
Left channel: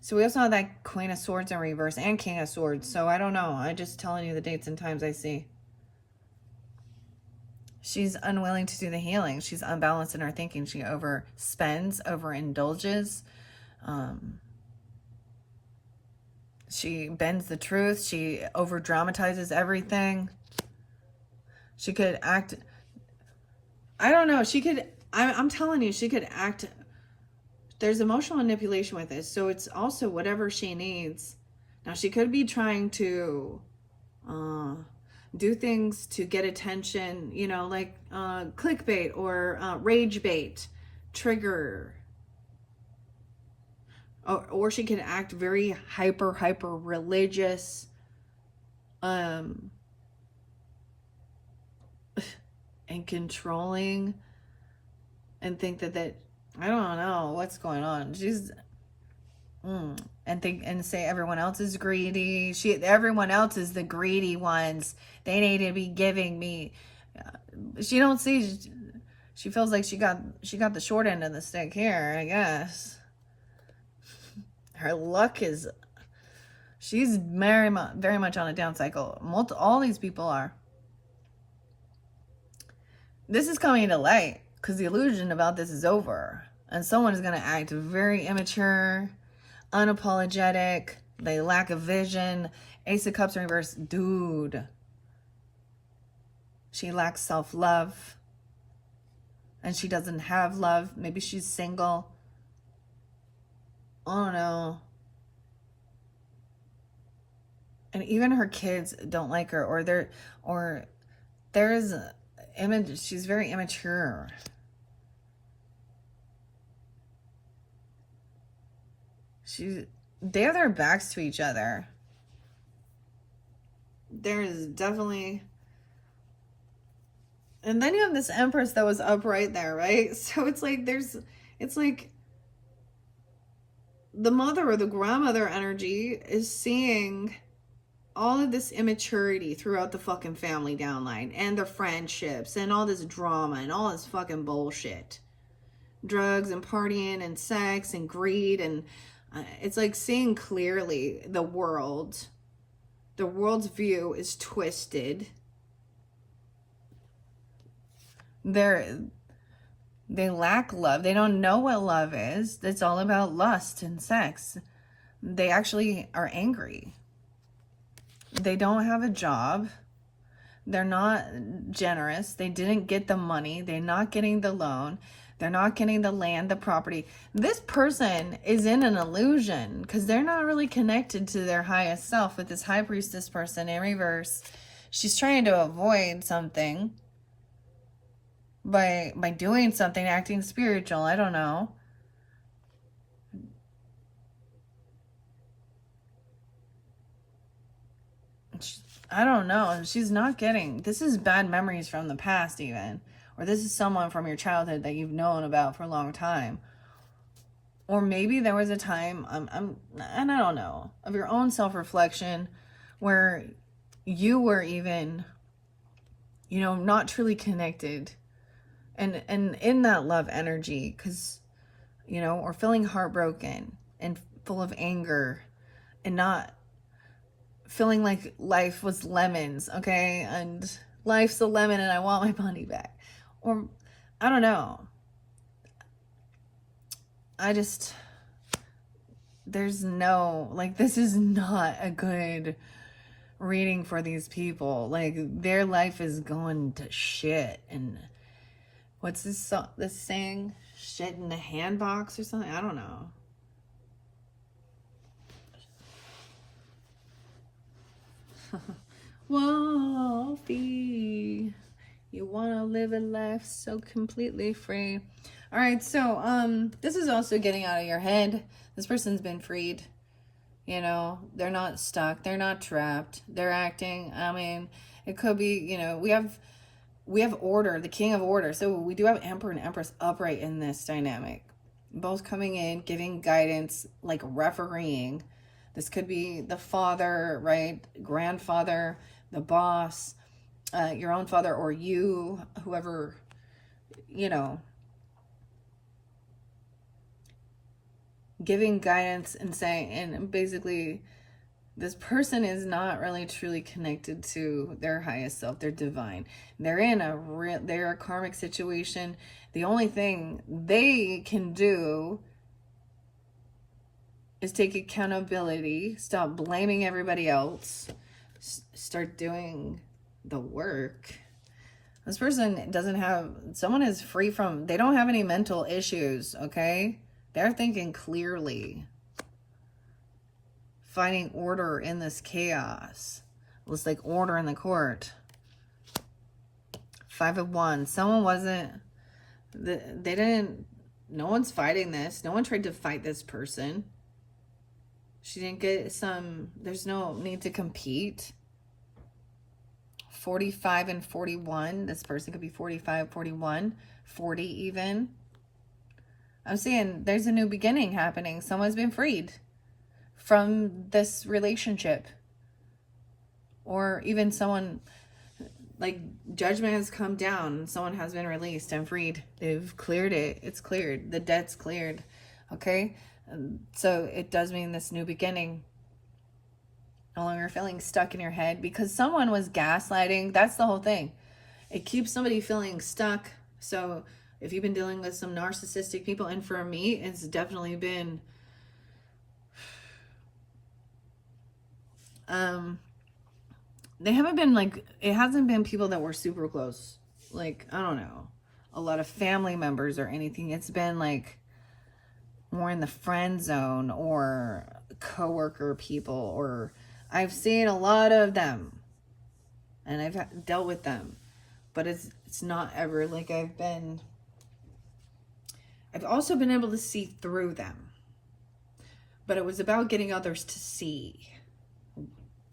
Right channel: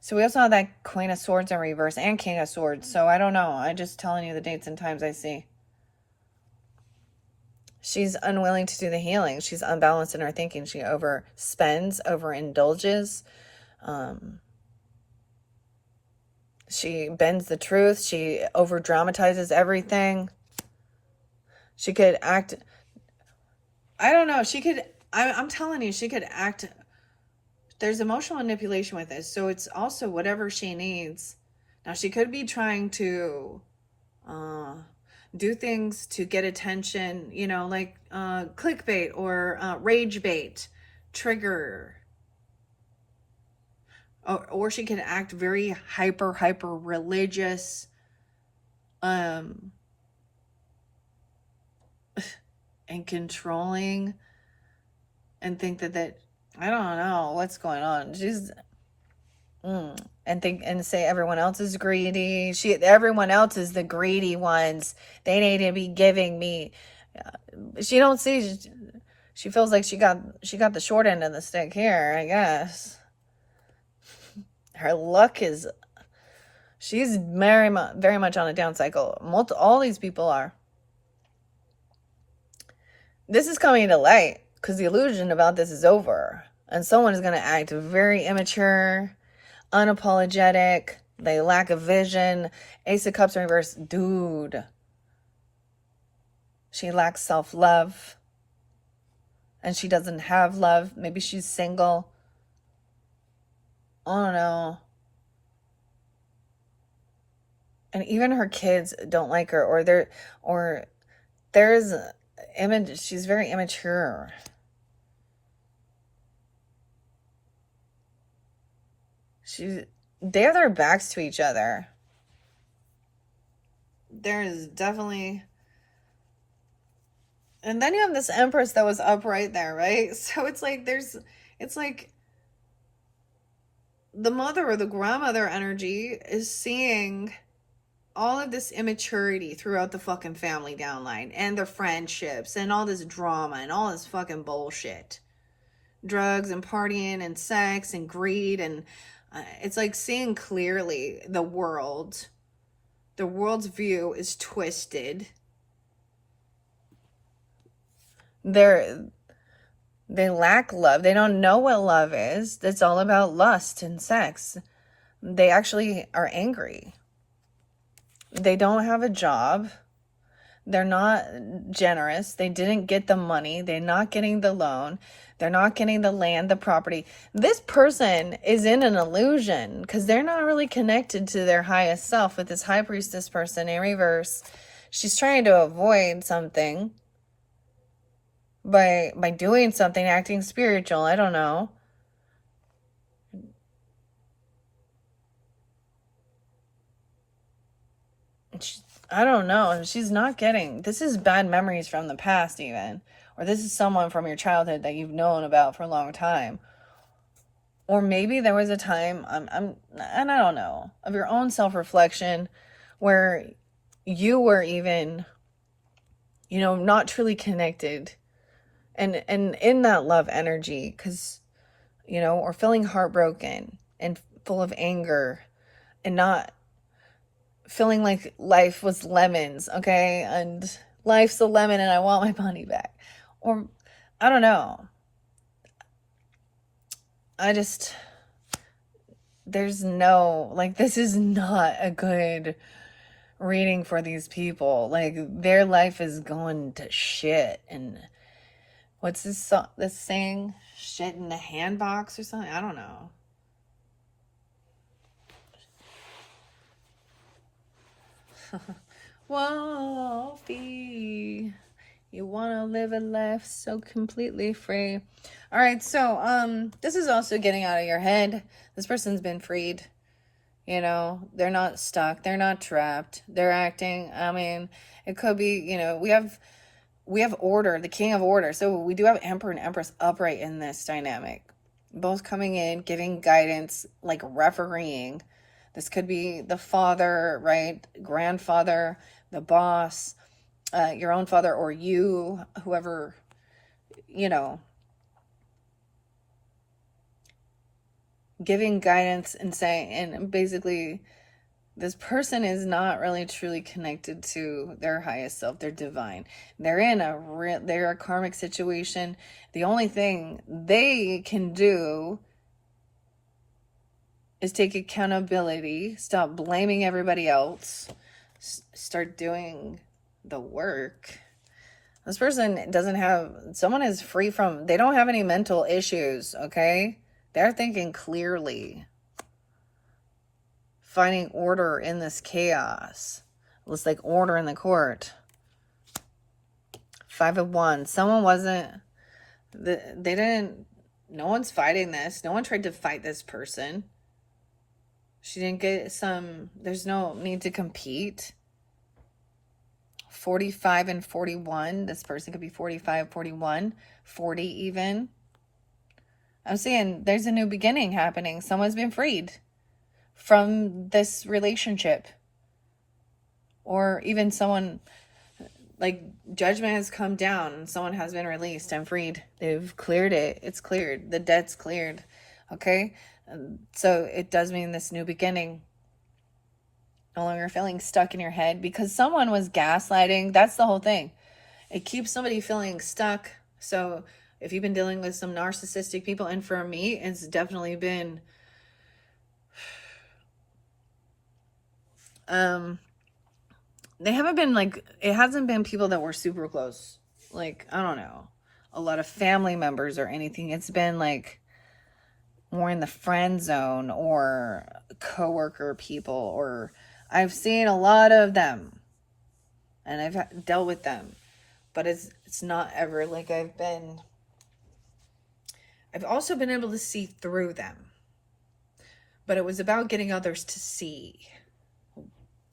So we also have that Queen of Swords in reverse and King of Swords. So I don't know. I'm just telling you the dates and times I see. She's unwilling to do the healing. She's unbalanced in her thinking. She overspends, overindulges. She bends the truth. She over dramatizes everything. She could act. I don't know. She could. I'm telling you, she could act. There's emotional manipulation with this. So it's also whatever she needs. Now, she could be trying to do things to get attention, you know, like clickbait or rage bait, trigger. Or she can act very hyper religious, and controlling, and think that I don't know what's going on. She's and say everyone else is greedy. Everyone else is the greedy ones. They need to be giving me. She don't see. She feels like she got the short end of the stick here, I guess. Her luck is. She's very much on a down cycle. All these people are. This is coming to light because the illusion about this is over, and someone is going to act very immature, unapologetic. They lack a vision. Ace of Cups in reverse. Dude. She lacks self-love. And she doesn't have love. Maybe she's single. I don't know. And even her kids don't like her, or there's image. She's very immature. They have their backs to each other. There is definitely. And then you have this Empress that was up right there, right? So it's like the mother or the grandmother energy is seeing all of this immaturity throughout the fucking family downline and their friendships and all this drama and all this fucking bullshit. Drugs and partying and sex and greed, and it's like seeing clearly the world. The world's view is twisted. They lack love. They don't know what love is. It's all about lust and sex. They actually are angry. They don't have a job. They're not generous. They didn't get the money. They're not getting the loan. They're not getting the land, the property. This person is in an illusion because they're not really connected to their highest self with this High Priestess person in reverse. She's trying to avoid something by doing something, acting spiritual. I don't know. I don't know. She's not getting. This is bad memories from the past even. Or this is someone from your childhood that you've known about for a long time. Or maybe there was a time, and I don't know, of your own self-reflection where you were even, not truly connected. And in that love energy, because, or feeling heartbroken and full of anger and not feeling like life was lemons, okay? And life's a lemon and I want my money back. Or, I don't know. There's no, this is not a good reading for these people. Their life is going to shit. And what's this saying? Shit in the handbox or something? I don't know. Wolfie, you want to live a life so completely free. All right, so this is also getting out of your head. This person's been freed. They're not stuck. They're not trapped. They're acting. I mean, it could be, we have we have order, the king of order. So we do have emperor and empress upright in this dynamic, both coming in, giving guidance, like refereeing. This could be the father, right? Grandfather, the boss, your own father, or you, whoever, you know, giving guidance and saying, and basically, this person is not really truly connected to their highest self, their divine. They're a karmic situation. The only thing they can do is take accountability, stop blaming everybody else, start doing the work. This person doesn't have, someone is free from, they don't have any mental issues, okay? They're thinking clearly, finding order in this chaos. It's like order in the court. 5 of Wands. Someone wasn't, no one's fighting this. No one tried to fight this person. She didn't get there's no need to compete. 45 and 41. This person could be 45, 41, 40 even. I'm saying there's a new beginning happening. Someone's been freed from this relationship. Or even someone, like, judgment has come down. Someone has been released and freed. They've cleared it. It's cleared. The debt's cleared. Okay? So it does mean this new beginning. No longer feeling stuck in your head because someone was gaslighting. That's the whole thing. It keeps somebody feeling stuck. So if you've been dealing with some narcissistic people, and for me, it's definitely been they haven't been like, it hasn't been people that were super close. Like, I don't know, a lot of family members or anything. It's been like more in the friend zone or coworker people, or I've seen a lot of them and I've dealt with them, but it's not ever like I've also been able to see through them, but it was about getting others to see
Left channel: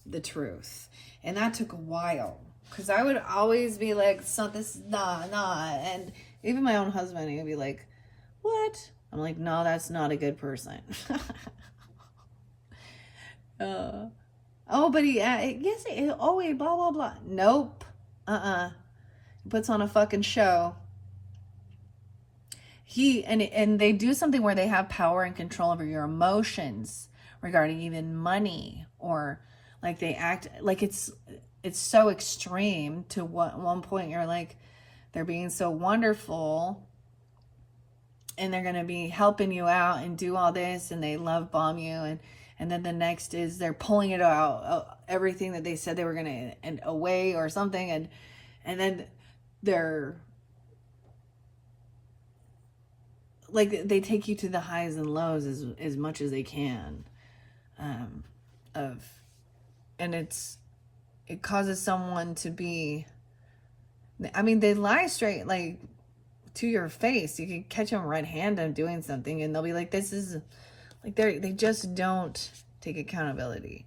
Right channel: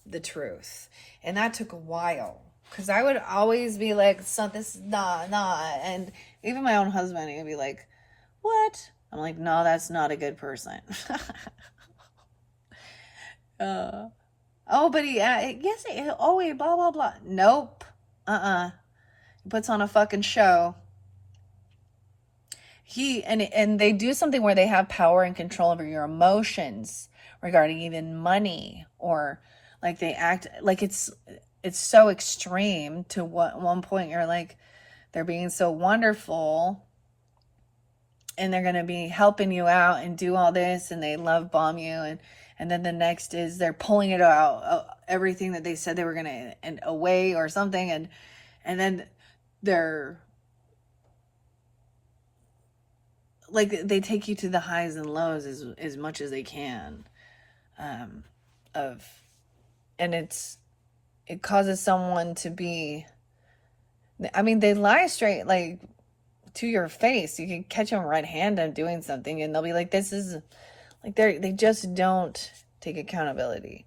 the truth. And that took a while because I would always be like, so this is nah. And even my own husband, he'd be like, what? I'm like, no, that's not a good person. Oh, but yes, wait, blah, blah, blah. Nope. He puts on a fucking show. And they do something where they have power and control over your emotions regarding even money, or like they act like it's so extreme to one point you're like, they're being so wonderful and they're going to be helping you out and do all this and they love bomb you, and then the next is they're pulling it out, everything that they said they were going to, and away or something, and then they're like, they take you to the highs and lows as much as they can, and it causes someone to be, I mean, they lie straight, like, to your face. You can catch them red-handed doing something and they'll be like, this is, like, they just don't take accountability.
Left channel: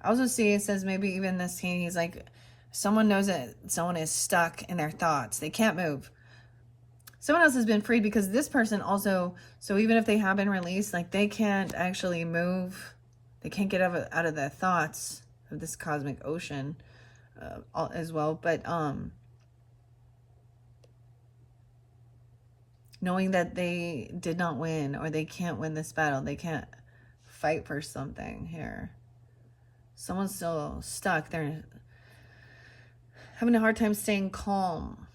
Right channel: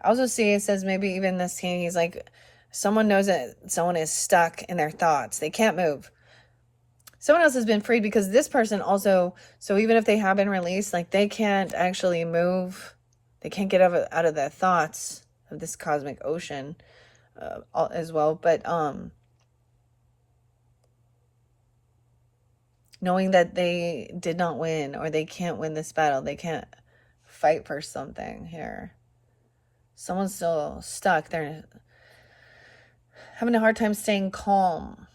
I also see it says maybe even this king, he's like, someone knows that someone is stuck in their thoughts. They can't move. Someone else has been freed because this person also, so even if they have been released, like, they can't actually move. They can't get out of their thoughts of this cosmic ocean as well. But knowing that they did not win, or they can't win this battle, they can't fight for something here. Someone's still stuck. They're having a hard time staying calm.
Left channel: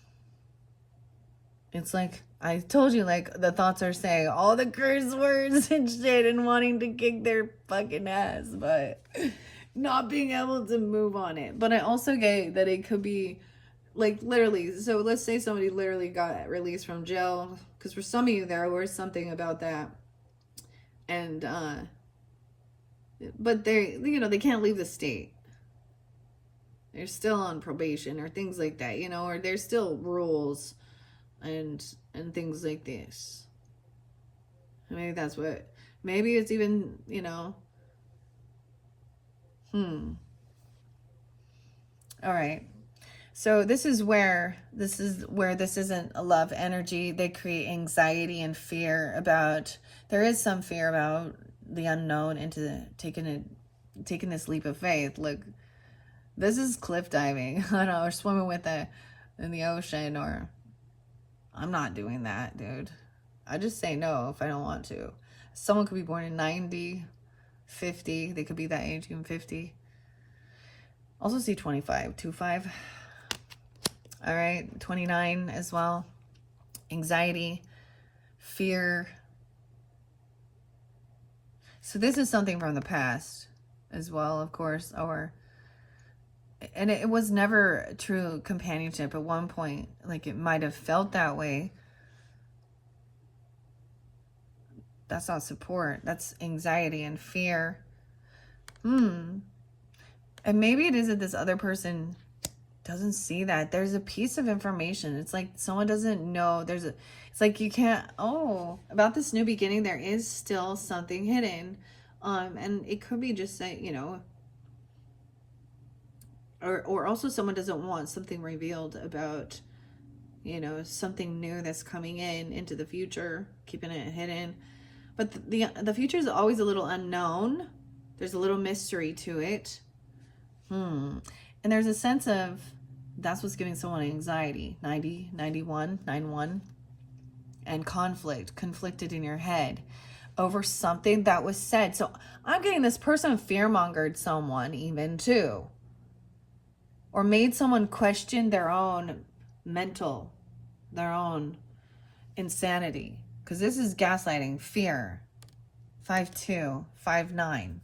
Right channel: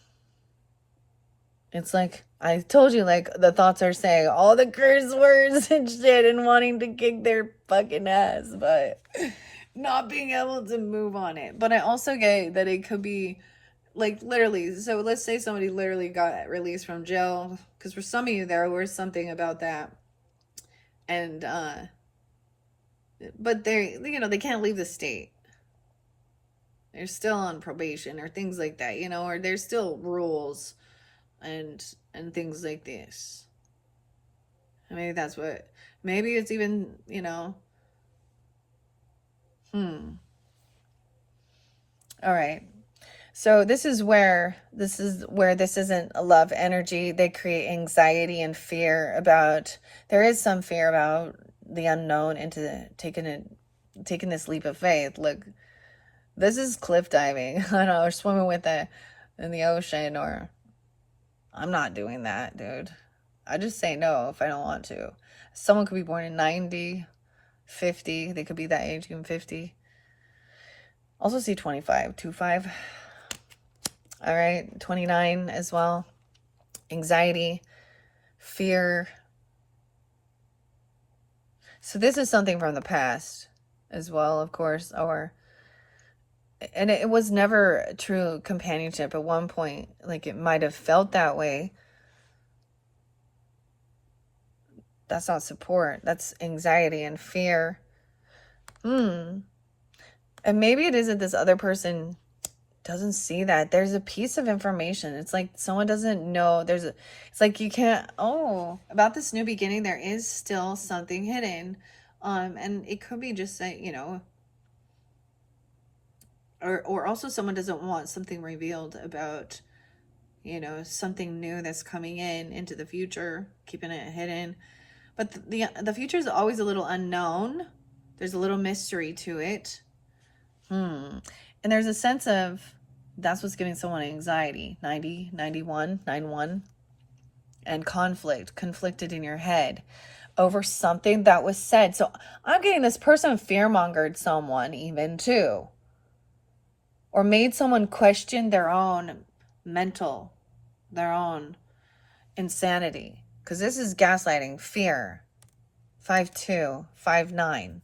It's like, I told you, like, the thoughts are saying all the curse words and shit and wanting to kick their fucking ass, but not being able to move on it. But I also get that it could be, like, literally, so let's say somebody literally got released from jail, because for some of you there was something about that, and but they, you know, they can't leave the state. They're still on probation or things like that, you know, or there's still rules and things like this. Maybe that's what, maybe it's even, you know, all right. So this is where this isn't a love energy. They create anxiety and fear about, there is some fear about the unknown into taking this leap of faith. Look, this is cliff diving. I don't know, or swimming in the ocean, or I'm not doing that, dude. I just say no if I don't want to. Someone could be born in 90, 50. They could be that age, even 50. Also see 25, 25. All right, 29 as well. Anxiety, fear. So this is something from the past as well, of course, and it was never true companionship at one point. Like, it might have felt that way. That's not support. That's anxiety and fear. And maybe it is that this other person doesn't see that. There's a piece of information. It's like someone doesn't know. It's like you can't, about this new beginning, there is still something hidden. And it could be just saying, or also someone doesn't want something revealed about, something new that's coming into the future, keeping it hidden. But the future is always a little unknown. There's a little mystery to it. And there's a sense of, that's what's giving someone anxiety. 90, 91, 91. And conflicted in your head over something that was said. So I'm getting this person fear-mongered someone even too. Or made someone question their own their own insanity. Because this is gaslighting, fear. 5'2", 5'9",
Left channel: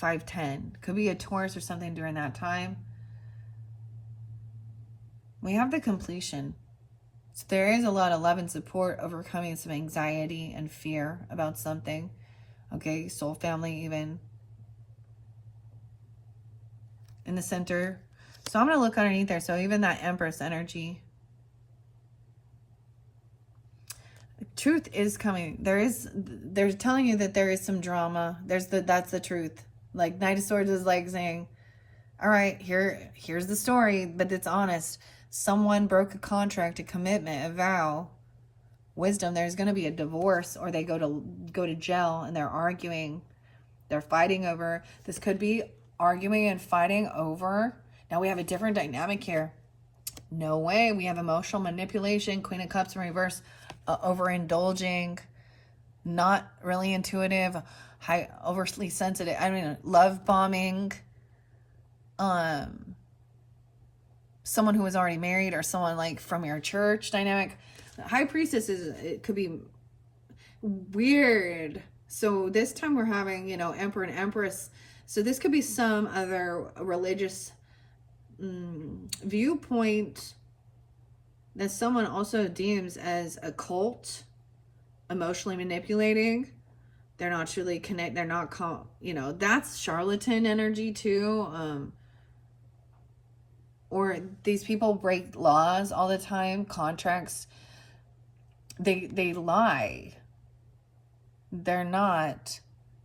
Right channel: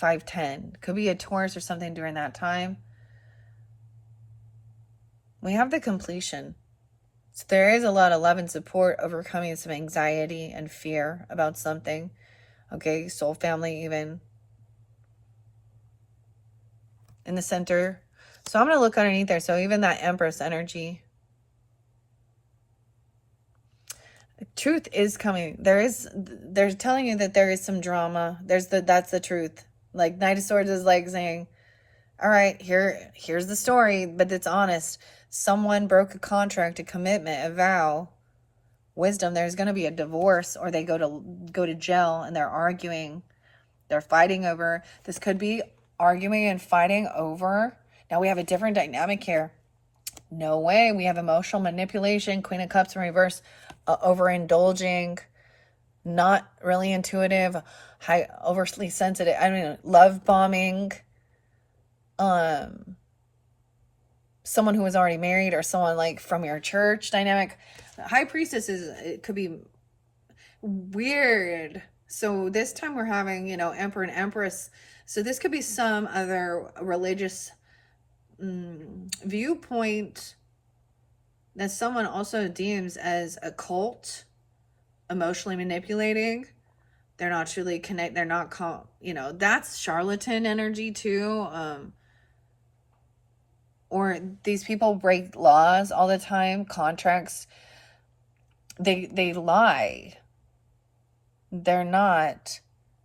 5'10". Could be a Taurus or something during that time. We have the completion. So there is a lot of love and support, overcoming some anxiety and fear about something. Okay, soul family even. In the center. So I'm going to look underneath there. So even that Empress energy. Truth is coming. They're telling you that there is some drama. That's the truth. Like Knight of Swords is like saying, all right, here's the story, but it's honest. Someone broke a contract, a commitment, a vow. Wisdom, there's going to be a divorce, or they go to jail and they're arguing. They're fighting over. This could be arguing and fighting over. Now we have a different dynamic here. No way. We have emotional manipulation, Queen of Cups in reverse, overindulging, not really intuitive, overly sensitive. Love bombing. Someone who was already married, or someone like from your church dynamic. High Priestess it could be weird. So this time we're having, Emperor and Empress. So this could be some other religious viewpoint that someone also deems as a cult, emotionally manipulating. They're not truly connect. They're not that's charlatan energy too. Or these people break laws all the time, contracts. They lie. They're not.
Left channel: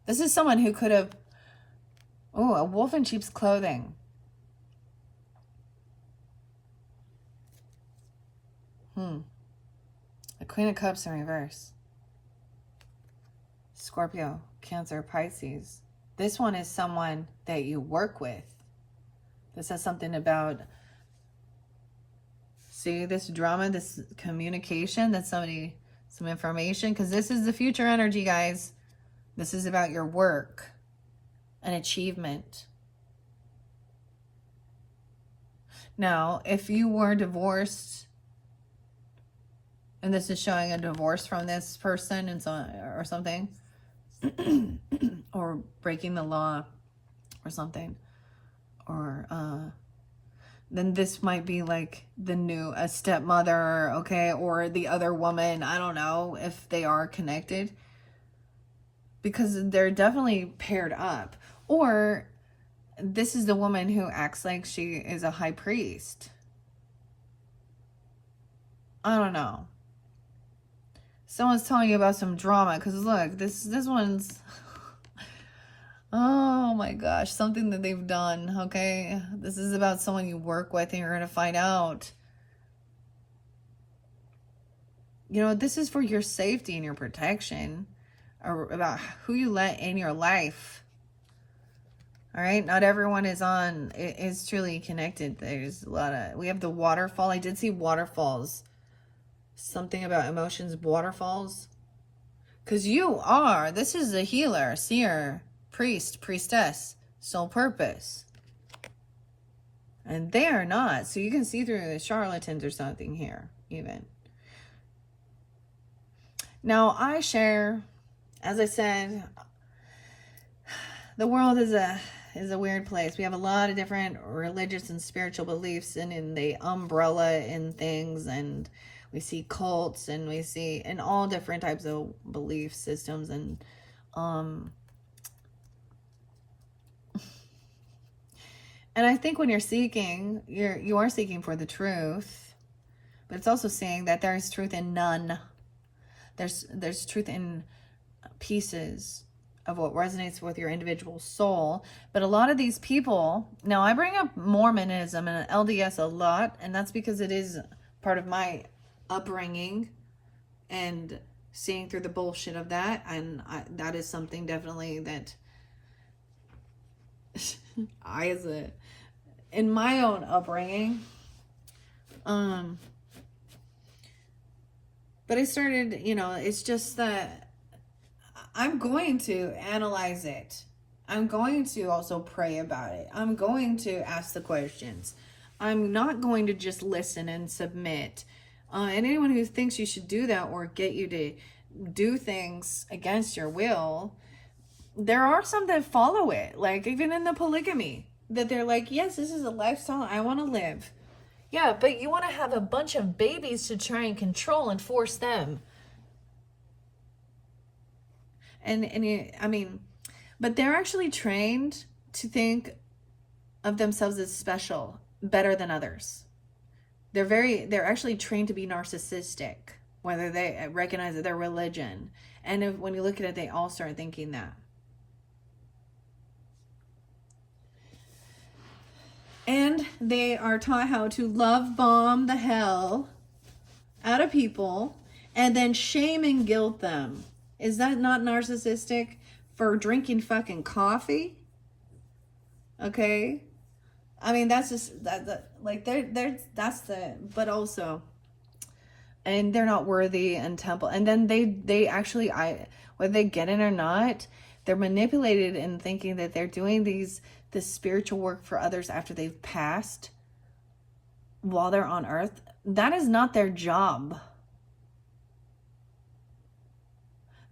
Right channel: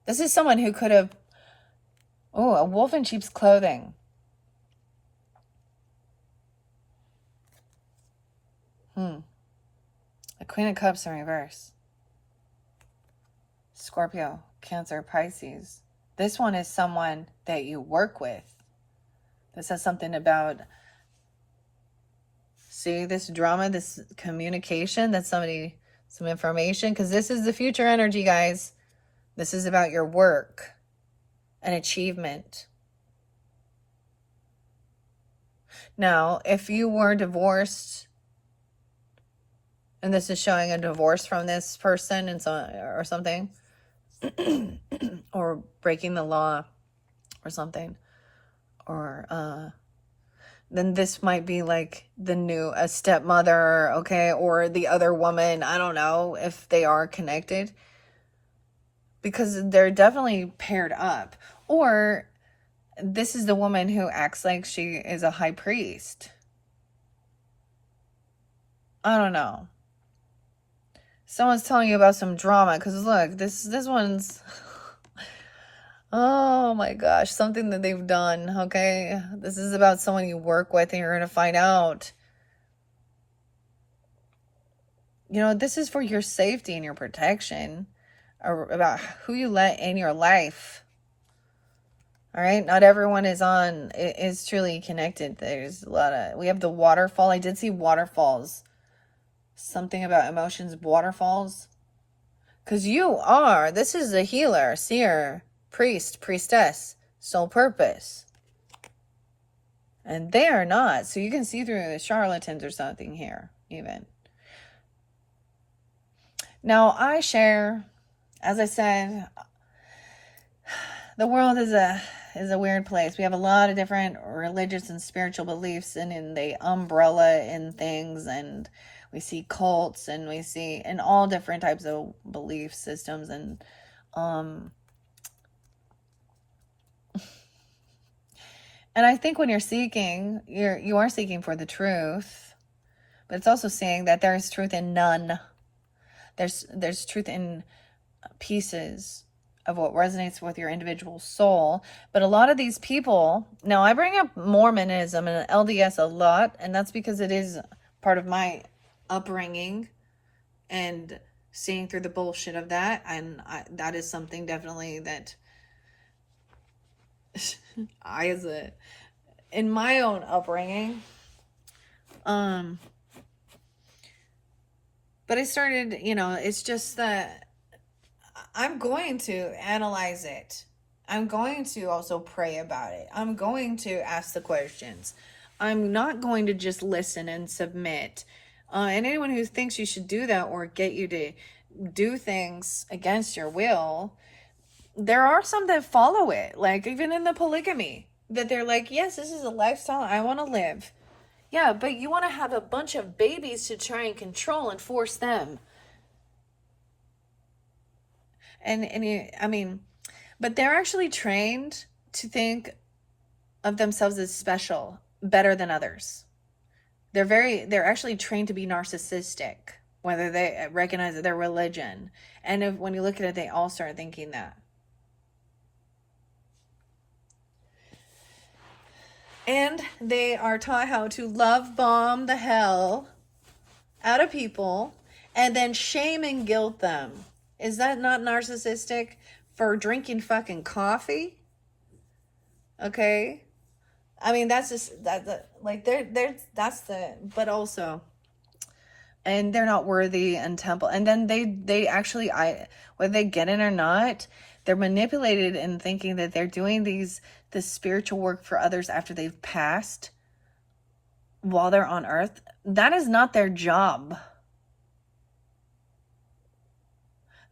This is someone who could have, a wolf in sheep's clothing. The Queen of Cups in reverse. Scorpio, Cancer, Pisces. This one is someone that you work with. This has something about, see, this drama, this communication, that's some information, because this is the future energy, guys. This is about your work and achievement. Now, if you were divorced, and this is showing a divorce from this person or something, or breaking the law or something, or then this might be like a stepmother, okay, or the other woman. I don't know if they are connected, because they're definitely paired up. Or this is the woman who acts like she is a high priest. I don't know. Someone's telling you about some drama, because look, this one's Oh my gosh, something that they've done, okay? This is about someone you work with and you're going to find out. You know, this is for your safety and your protection, or about who you let in your life. All right, not everyone is truly connected. There's a lot of, we have the waterfall. I did see waterfalls. Something about emotions, waterfalls. Because this is a healer, seer, priest, priestess, soul purpose. And they are not. So you can see through the charlatans or something here, even. Now, I share, as I said, the world is a weird place. We have a lot of different religious and spiritual beliefs, and in the umbrella in things, and we see cults, and we see in all different types of belief systems, and and I think when you're seeking, you are seeking for the truth, but it's also saying that there is truth in none. There's truth in pieces of what resonates with your individual soul. But a lot of these people, now I bring up Mormonism and LDS a lot, and that's because it is part of my upbringing and seeing through the bullshit of that. And that is something definitely that in my own upbringing, but I started, it's just that I'm going to analyze it. I'm going to also pray about it. I'm going to ask the questions. I'm not going to just listen and submit. And anyone who thinks you should do that or get you to do things against your will, there are some that follow it. Like even in the polygamy, that they're like, yes, this is a lifestyle I want to live. Yeah, but you want to have a bunch of babies to try and control and force them. But they're actually trained to think of themselves as special, better than others. They're actually trained to be narcissistic, whether they recognize their religion. And when you look at it, they all start thinking that. And they are taught how to love bomb the hell out of people and then shame and guilt them. Is that not narcissistic for drinking fucking coffee? Okay. I mean, that's just, but also, and they're not worthy and temple. And then they actually, whether they get it or not, they're manipulated in thinking that they're doing this spiritual work for others after they've passed while they're on earth. That is not their job.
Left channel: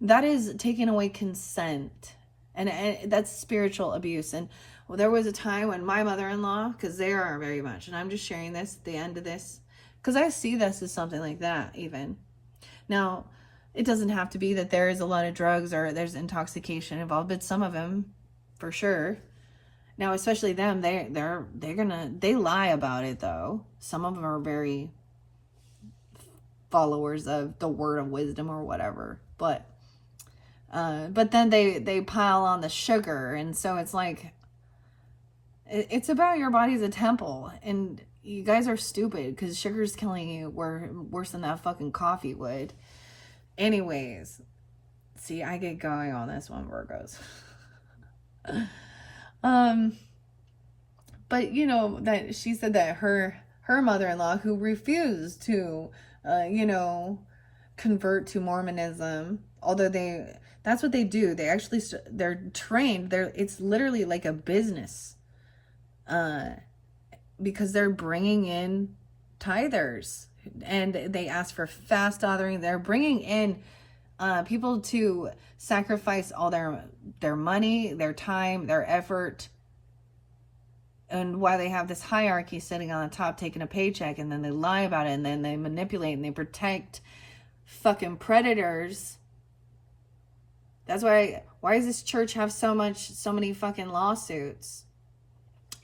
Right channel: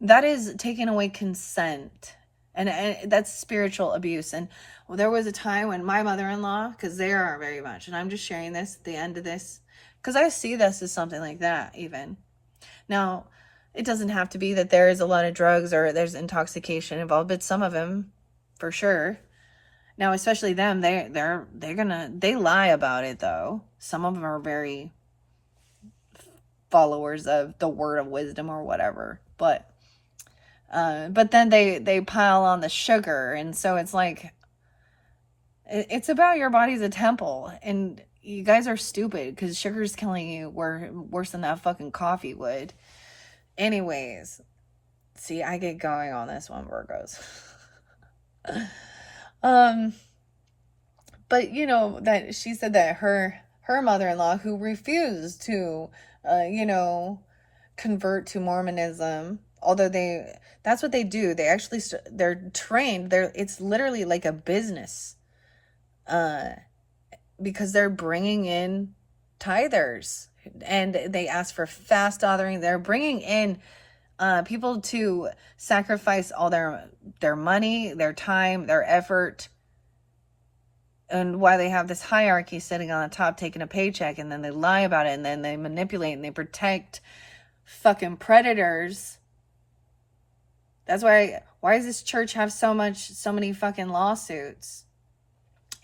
That is taking away consent. And that's spiritual abuse. And there was a time when my mother-in-law, because they are very much, and I'm just sharing this at the end of this, because I see this as something like that even. Now, it doesn't have to be that there is a lot of drugs or there's intoxication involved, but some of them, for sure. Now, especially them, they lie about it though. Some of them are very followers of the word of wisdom or whatever, but then they pile on the sugar, and so it's like it's about your body's a temple, and you guys are stupid because sugar's killing you worse than that fucking coffee would. Anyways, see, I get going on this one, Virgos. But that she said that her mother-in-law, who refused to convert to Mormonism, although that's what they do. They actually they're trained. It's literally like a business, because they're bringing in tithers, and they ask for fast authoring. They're bringing in people to sacrifice all their money, their time, their effort. And why they have this hierarchy sitting on the top taking a paycheck, and then they lie about it, and then they manipulate and they protect fucking predators. That's why does this church have so many fucking lawsuits?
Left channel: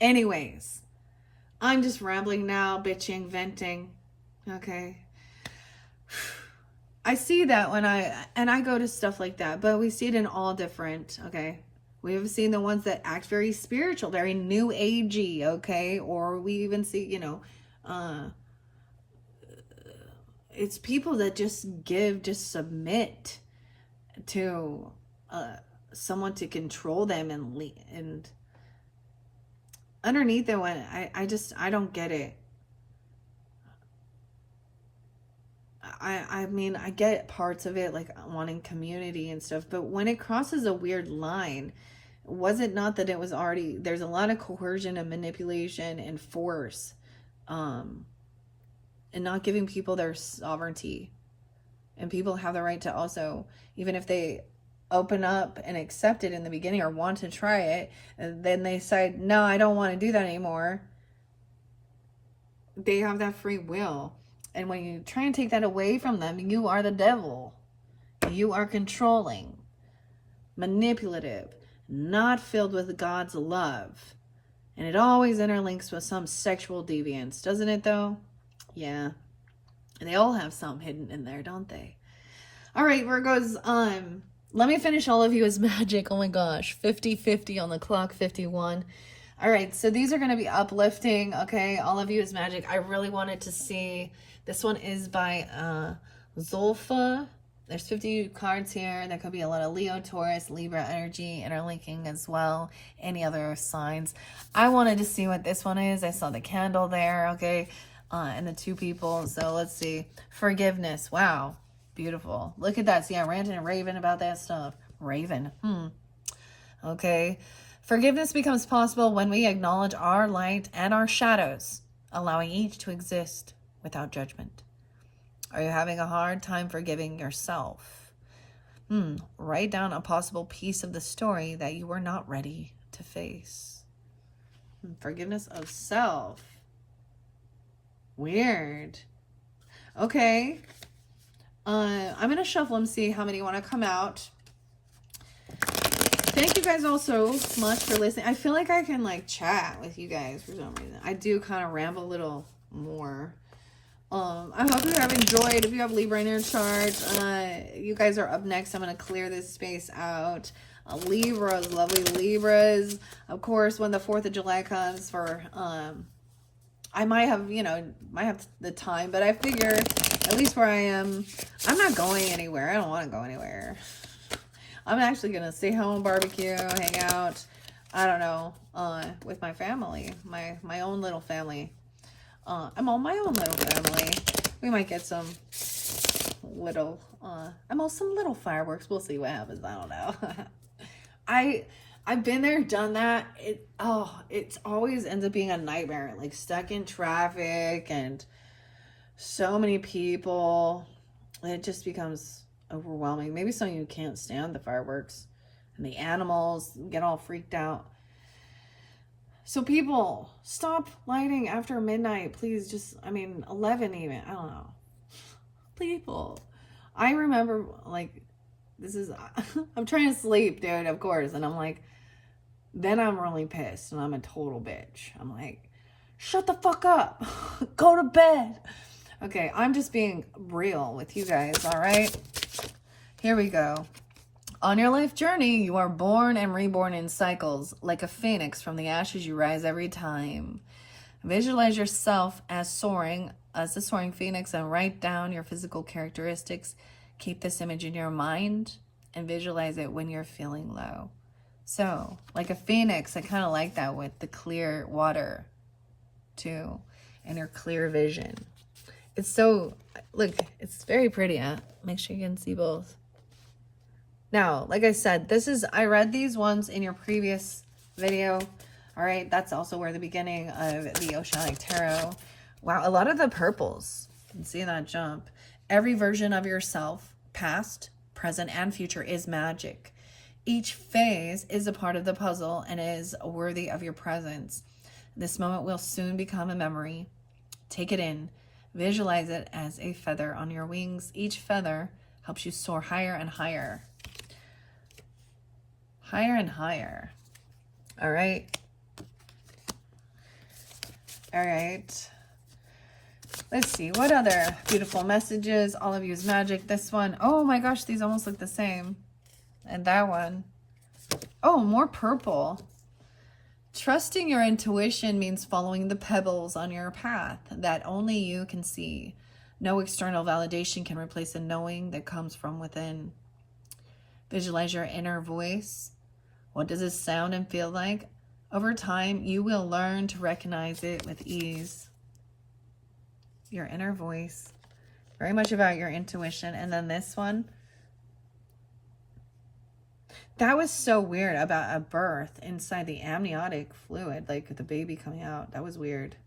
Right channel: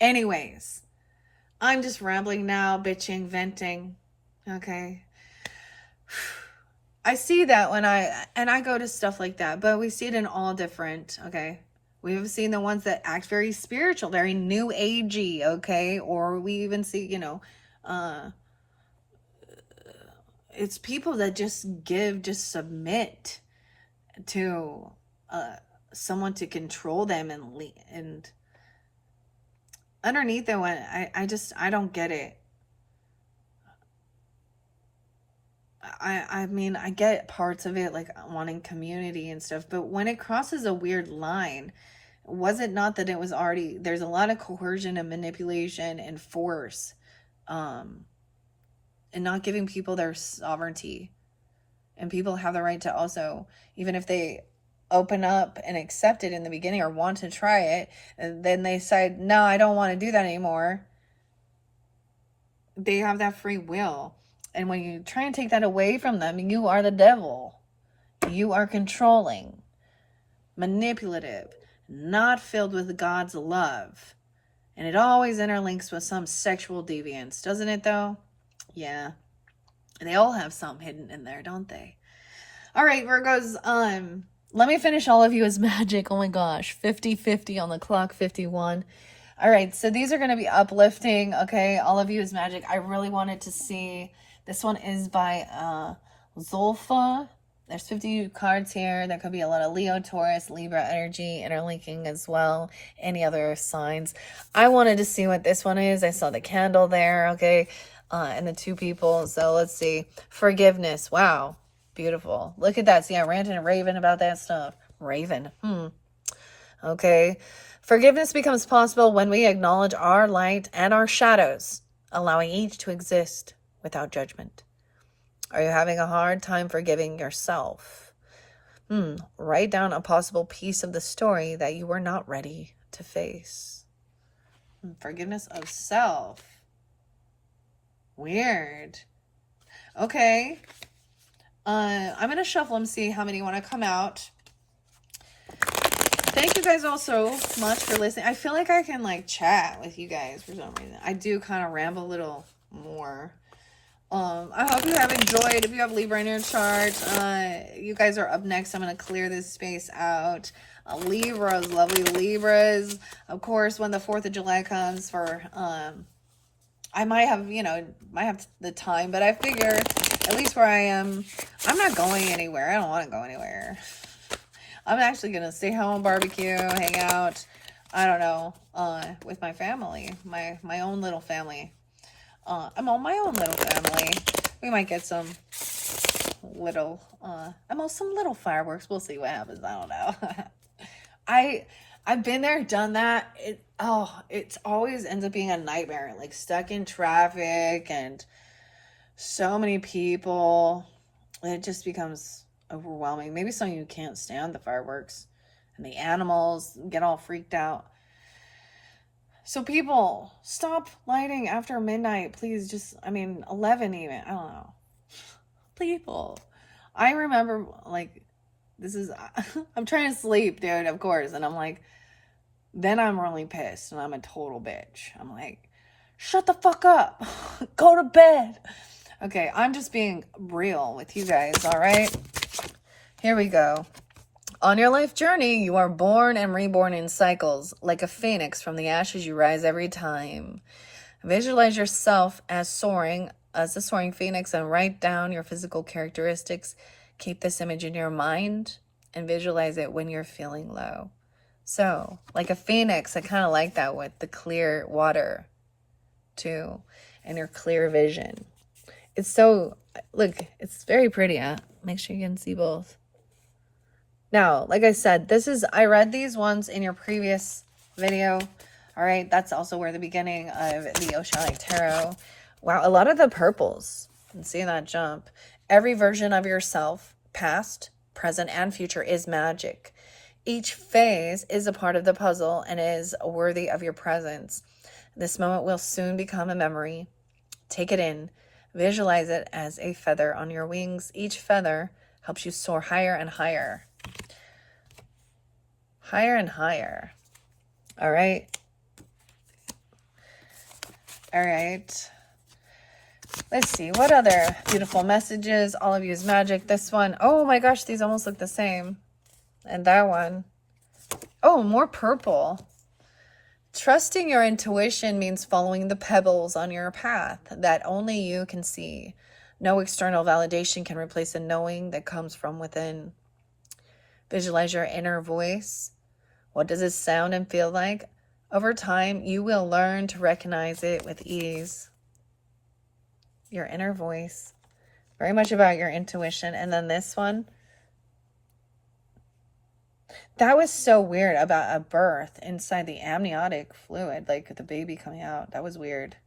Anyways, I'm just rambling now, bitching, venting. Okay. I see that when I go to stuff like that, but we see it in all different, okay? We've seen the ones that act very spiritual, very new agey, okay? Or we even see, you know, it's people that just submit to someone to control them, and underneath that one, I don't get it. I mean, I get parts of it, like wanting community and stuff, but when it crosses a weird line, was it not that it was already, there's a lot of coercion and manipulation and force, and not giving people their sovereignty. And people have the right to also, even if they open up and accept it in the beginning or want to try it, and then they decide, no, I don't want to do that anymore. They have that free will. And when you try and take that away from them, you are the devil. You are controlling, manipulative, not filled with God's love. And it always interlinks with some sexual deviance, doesn't it though? Yeah. And they all have some hidden in there, don't they? All right, Virgos, let me finish all of you as magic. Oh my gosh, 50-50 on the clock, 51. All right, so these are going to be uplifting, okay? All of you is magic. I really wanted to see, this one is by Zolfa. There's 50 cards here. There could be a lot of Leo, Taurus, Libra energy interlinking as well. Any other signs. I wanted to see what this one is. I saw the candle there, okay? And the two people. So let's see. Forgiveness. Wow. Beautiful. Look at that. See, I ranted and raving about that stuff. Raven. Okay. Forgiveness becomes possible when we acknowledge our light and our shadows, allowing each to exist without judgment. Are you having a hard time forgiving yourself? Write down a possible piece of the story that you were not ready to face. Forgiveness of self. Weird. Okay. I'm going to shuffle and see how many want to come out. Thank you guys all so much for listening. I feel like I can like chat with you guys for some reason. I do kind of ramble a little more. I hope you have enjoyed. If you have Libra in your chart, you guys are up next. I'm going to clear this space out. Libras, lovely Libras. Of course, when the 4th of July comes for, I might have, might have the time, but I figure at least where I am, I'm not going anywhere. I don't want to go anywhere. I'm actually going to stay home, barbecue, hang out, I don't know, with my family, my own little family. I'm on my own little family. We might get some little, some little fireworks. We'll see what happens. I don't know. I've been there, done that. It's always ends up being a nightmare. Like stuck in traffic and so many people. It just becomes overwhelming. Maybe some of you can't stand the fireworks and the animals get all freaked out. So people, stop lighting after midnight, please. 11 even. I don't know. People. I remember, I'm trying to sleep, dude, of course. And I'm like, then I'm really pissed and I'm a total bitch. I'm like, shut the fuck up. Go to bed. Okay, I'm just being real with you guys, all right? Here we go. On your life journey, you are born and reborn in cycles. Like a phoenix from the ashes, you rise every time. Visualize yourself as a soaring phoenix, and write down your physical characteristics. Keep this image in your mind and visualize it when you're feeling low. So, like a phoenix, I kind of like that with the clear water, too, and your clear vision. It's so, look, it's very pretty, huh? Make sure you can see both. Now, like I said, I read these ones in your previous video. All right, that's also where the beginning of the Oceanic Tarot. Wow, a lot of the purples. You can see that jump. Every version of yourself, past, present, and future, is magic. Each phase is a part of the puzzle and is worthy of your presence. This moment will soon become a memory. Take it in. Visualize it as a feather on your wings. Each feather helps you soar higher and higher. Higher and higher. All right. All right. Let's see. What other beautiful messages? All of you is magic. This one. Oh my gosh, these almost look the same. And that one. Oh, more purple. Trusting your intuition means following the pebbles on your path that only you can see. No external validation can replace the knowing that comes from within. Visualize your inner voice. What does it sound and feel like? Over time, you will learn to recognize it with ease. Your inner voice. Very much about your intuition. And then this one. That was so weird about a birth inside the amniotic fluid, like the baby coming out. That was weird.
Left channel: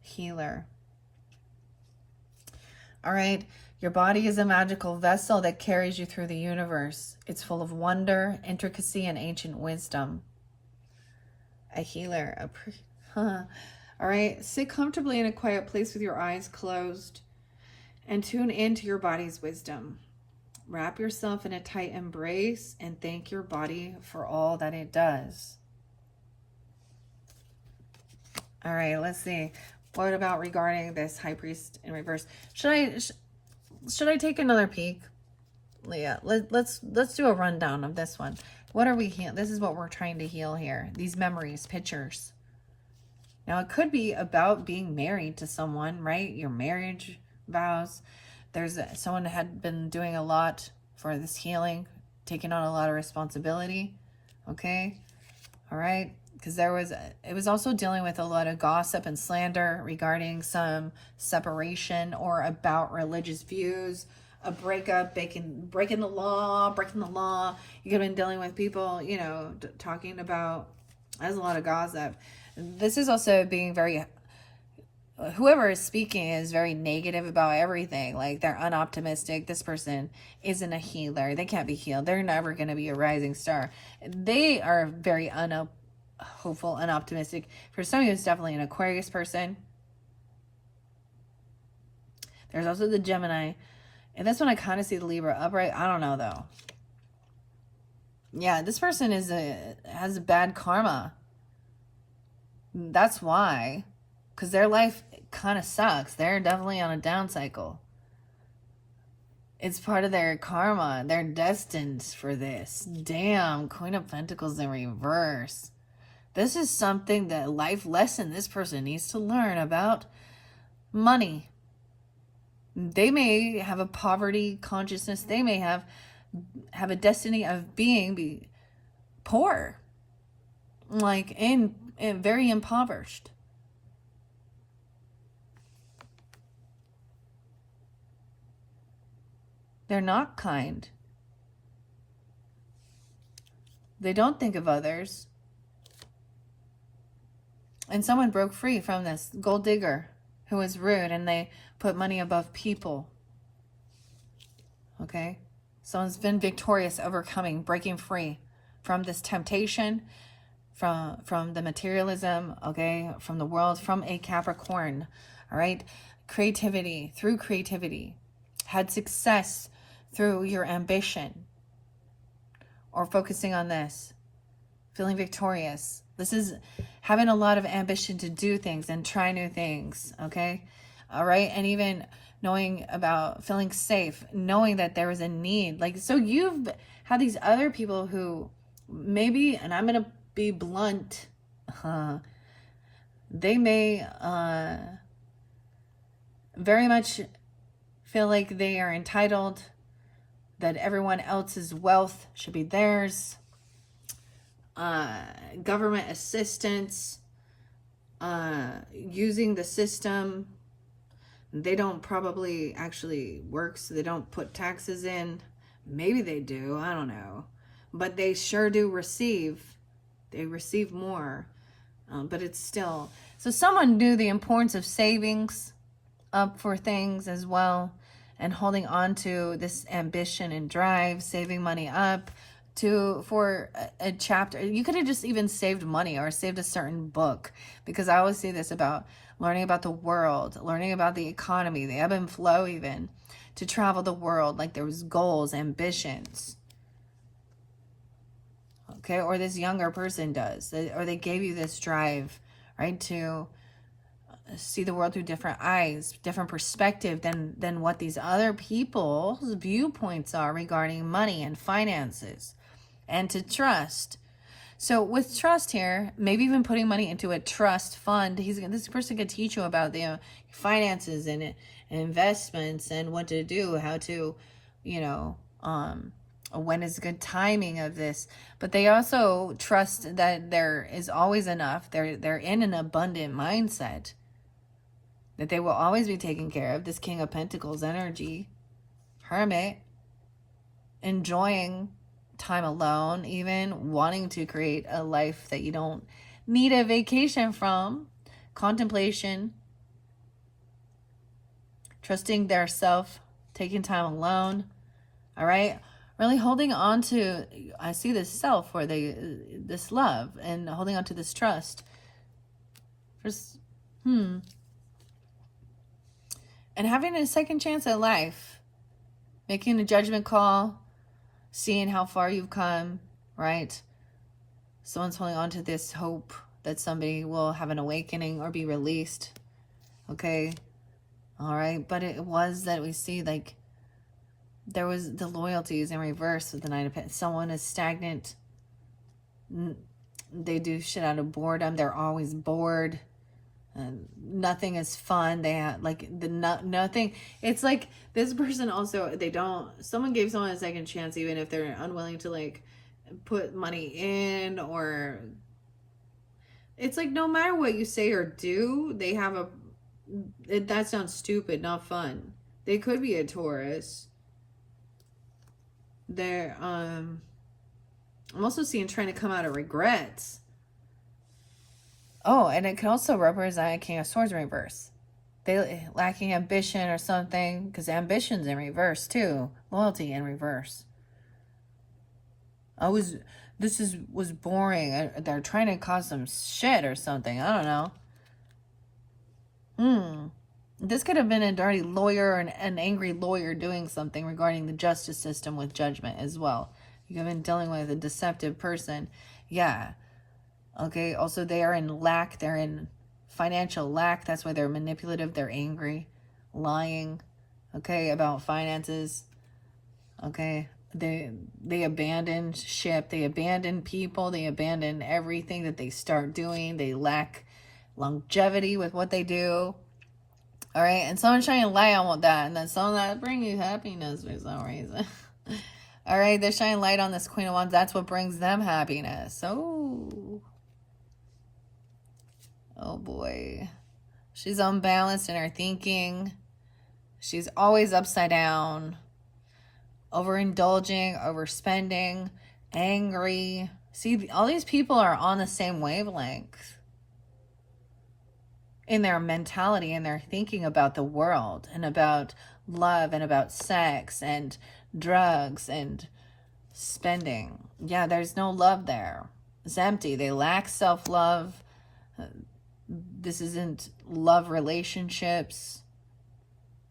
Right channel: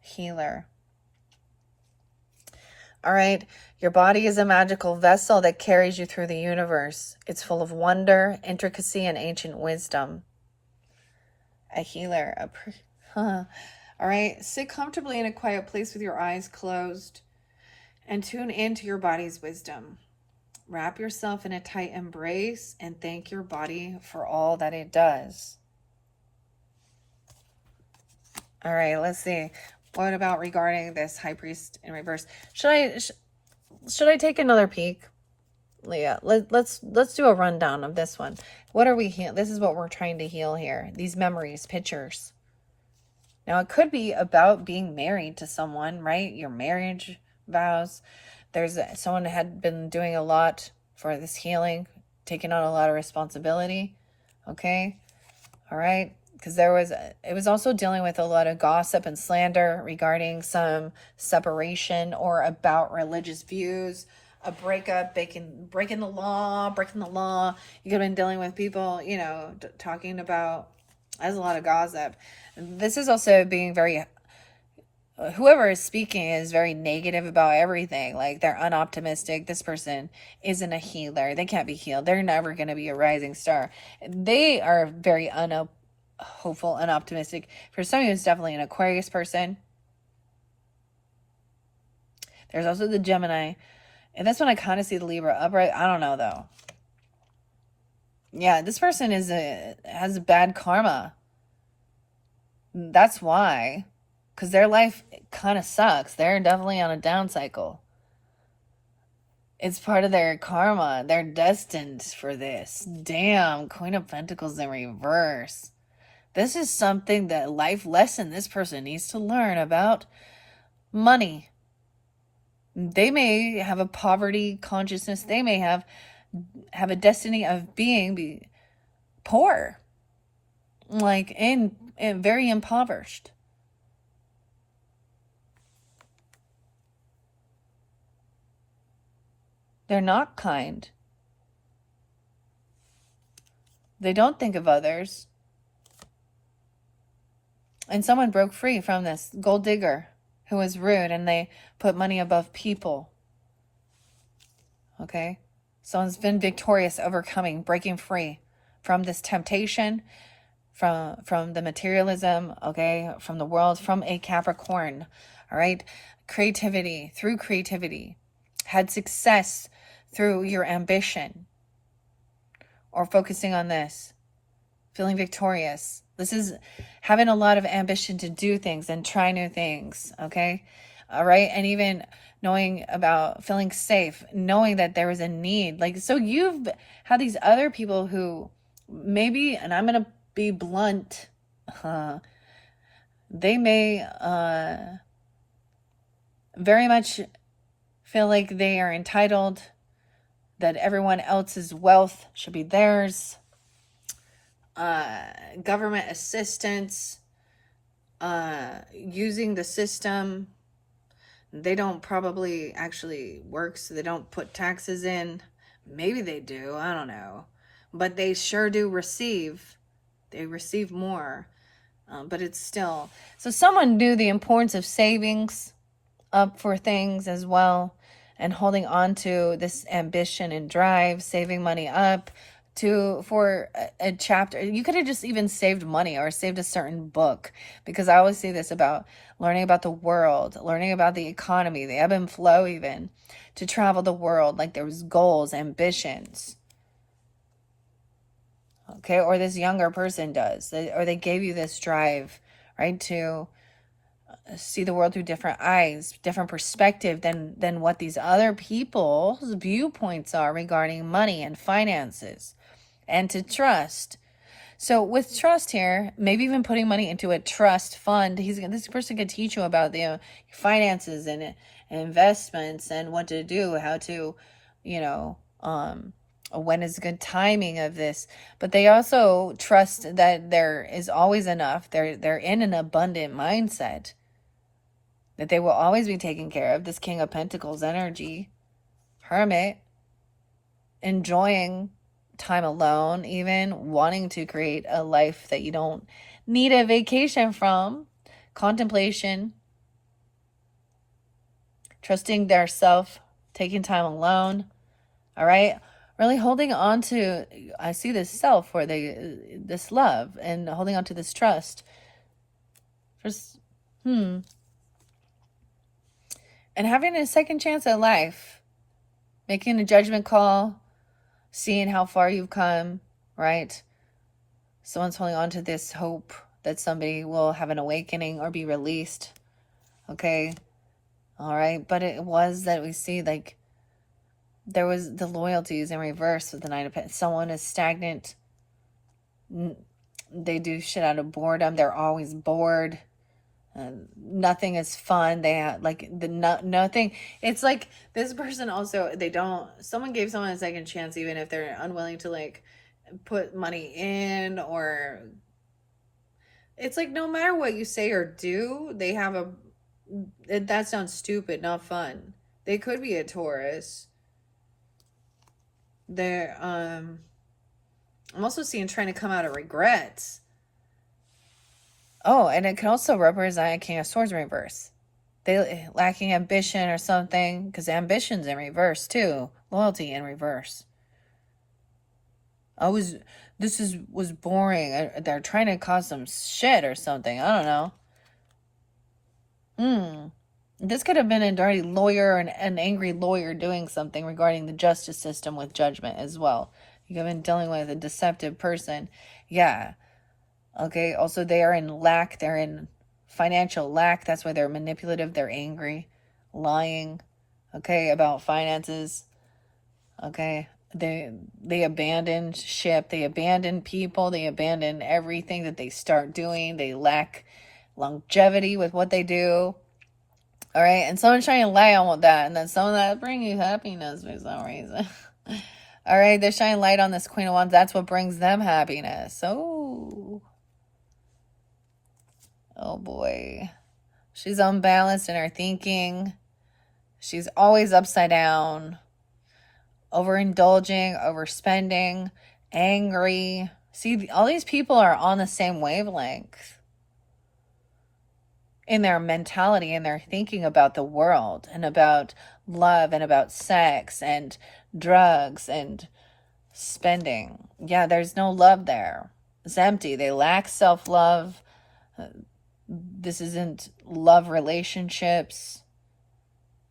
Healer. All right. Your body is a magical vessel that carries you through the universe. It's full of wonder, intricacy, and ancient wisdom. A healer. All right. Sit comfortably in a quiet place with your eyes closed and tune into your body's wisdom. Wrap yourself in a tight embrace and thank your body for all that it does. All right, let's see. What about regarding this High Priest in reverse? Should I take another peek? Yeah, let's do a rundown of this one. What are we healing? This is what we're trying to heal here. These memories, pictures. Now, it could be about being married to someone, right? Your marriage vows. Someone had been doing a lot for this healing, taking on a lot of responsibility. Okay. All right. Because it was also dealing with a lot of gossip and slander regarding some separation or about religious views, a breakup, breaking the law. You could have been dealing with people, talking about, there's a lot of gossip. This is also being very, whoever is speaking is very negative about everything. Like, they're unoptimistic. This person isn't a healer. They can't be healed. They're never going to be a rising star. They are very hopeful and optimistic. For some of you, it's definitely an Aquarius person. There's also the Gemini. And this one, I kind of see the Libra upright. I don't know, though. Yeah, this person has bad karma. That's why. Because their life kind of sucks. They're definitely on a down cycle. It's part of their karma. They're destined for this. Damn, Queen of Pentacles in reverse. This is something that life lesson this person needs to learn about money. They may have a poverty consciousness. They may have a destiny of being poor. Like, in very impoverished. They're not kind. They don't think of others. And someone broke free from this gold digger who was rude, and they put money above people. Okay? Someone's been victorious, overcoming, breaking free from this temptation, from the materialism, okay, from the world, from a Capricorn. All right? Creativity, through creativity. Had success through your ambition, or focusing on this, feeling victorious. This is having a lot of ambition to do things and try new things, okay? All right, and even knowing about feeling safe, knowing that there was a need. Like, so you've had these other people who maybe, and I'm going to be blunt, they may very much feel like they are entitled, that everyone else's wealth should be theirs. Government assistance, using the system. They don't probably actually work, so they don't put taxes in. Maybe they do, I don't know. But they sure do receive. They receive more. But it's still. So someone knew the importance of savings up for things as well, and holding on to this ambition and drive, saving money up for a chapter. You could have just even saved money or saved a certain book, because I always see this about learning about the world, learning about the economy, the ebb and flow, even to travel the world. Like, there was goals, ambitions. Okay, or this younger person does, or they gave you this drive, right, to see the world through different eyes, different perspective than what these other people's viewpoints are regarding money and finances. and to trust. So with trust here, maybe even putting money into a trust fund, this person could teach you about the finances and investments and what to do, how to, when is good timing of this. But they also trust that there is always enough. They're in an abundant mindset, that they will always be taken care of. This King of Pentacles energy, Hermit, enjoying time alone, even wanting to create a life that you don't need a vacation from, contemplation, trusting their self, taking time alone. All right, really holding on to, I see this self, or this love, and holding on to this trust. Just and having a second chance at life, making a judgment call, seeing how far you've come, right? Someone's holding on to this hope that somebody will have an awakening or be released. Okay. All right. But it was that we see, like, there was the loyalties in reverse with the Nine of Pentacles. Someone is stagnant. They do shit out of boredom. They're always bored. Nothing is fun. They have nothing. It's like this person also, someone gave someone a second chance, even if they're unwilling to like put money in, or it's like no matter what you say or do, they have that sounds stupid, not fun. They could be a Taurus. They're I'm also seeing trying to come out of regrets. Oh, and it can also represent a King of Swords in reverse. They lacking ambition or something, because ambition's in reverse too. Loyalty in reverse. Was boring. They're trying to cause some shit or something. I don't know. This could have been a dirty lawyer, an angry lawyer doing something regarding the justice system with judgment as well. You have been dealing with a deceptive person. Yeah. Okay, also they are in lack. They're in financial lack. That's why they're manipulative. They're angry, lying, okay, about finances. Okay, they abandon ship. They abandon people. They abandon everything that they start doing. They lack longevity with what they do. All right, and someone's trying to lie on that, and then someone that bring you happiness for some reason. All right, they're shining light on this Queen of Wands. That's what brings them happiness. Oh boy. She's unbalanced in her thinking. She's always upside down. Overindulging, overspending, angry. See, all these people are on the same wavelength in their mentality, and their thinking about the world and about love and about sex and drugs and spending. Yeah, there's no love there. It's empty. They lack self-love. This isn't love relationships.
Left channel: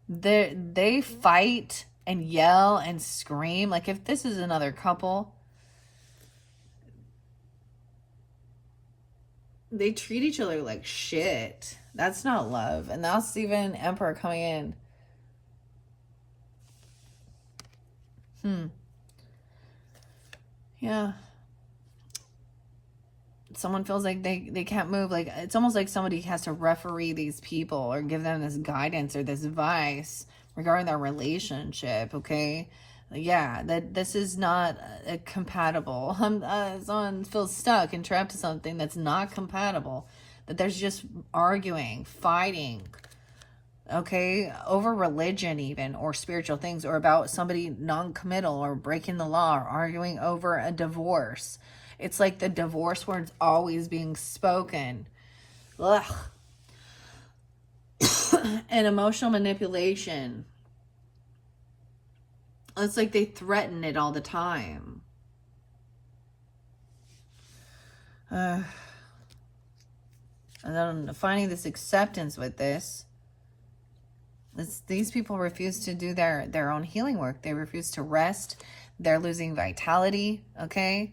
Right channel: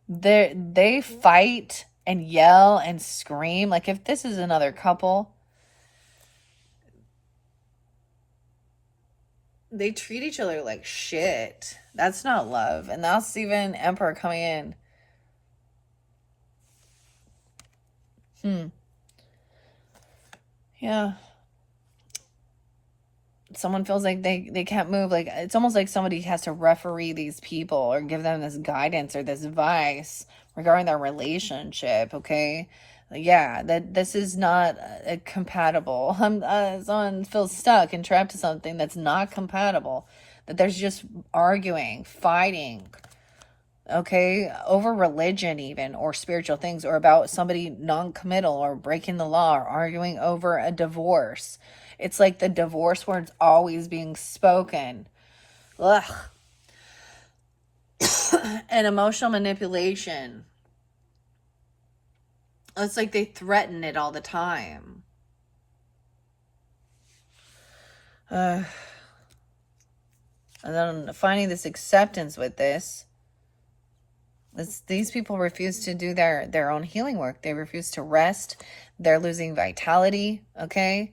They fight and yell and scream. Like if this is another couple, they treat each other like shit. That's not love. And that's even Emperor coming in. Yeah. Someone feels like they can't move. Like it's almost like somebody has to referee these people or give them this guidance or this advice regarding their relationship. Okay, yeah, that this is not compatible. Someone feels stuck and trapped to something that's not compatible. That there's just arguing, fighting. Okay, over religion even, or spiritual things, or about somebody non-committal or breaking the law, or arguing over a divorce. It's like the divorce word's always being spoken. Ugh. And emotional manipulation. It's like they threaten it all the time. And then finding this acceptance with this. These people refuse to do their own healing work. They refuse to rest. They're losing vitality. Okay.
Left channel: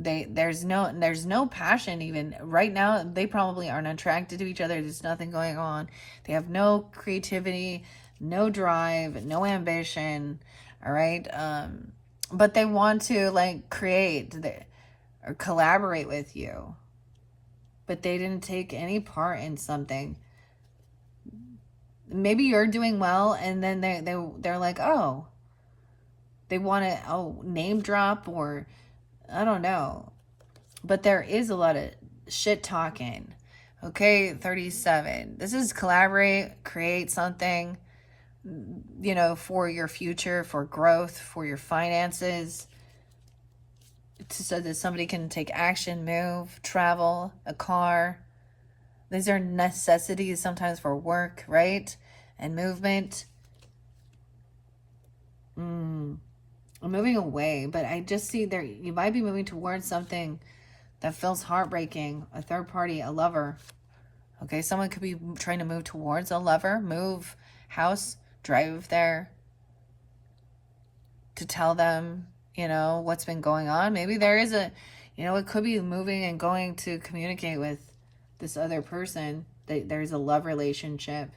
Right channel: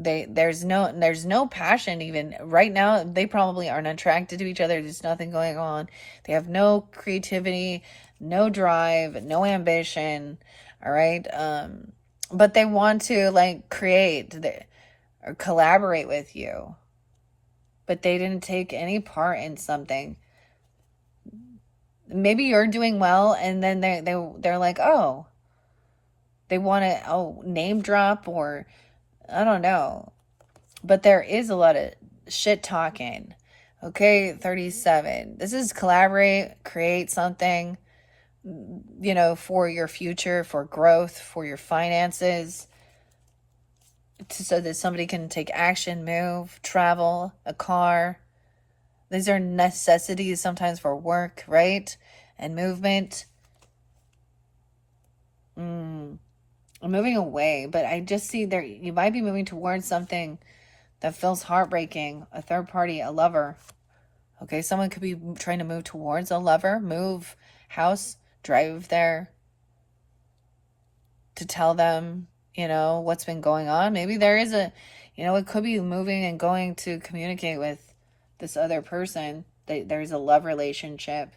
There's no passion even right now. They probably aren't attracted to each other. There's nothing going on. They have no creativity, no drive, no ambition. All right. but they want to like or collaborate with you, but they didn't take any part in something. Maybe you're doing well, and then they're like, oh, they want to name drop, or I don't know. But there is a lot of shit talking. Okay, 37. This is collaborate, create something, for your future, for growth, for your finances, so that somebody can take action, move, travel, a car. These are necessities sometimes for work, right? And movement. I'm moving away, but I just see there you might be moving towards something that feels heartbreaking. A third party, a lover. Okay, someone could be trying to move towards a lover, move house, drive there to tell them, what's been going on. Maybe there is it could be moving and going to communicate with this other person. There's a love relationship.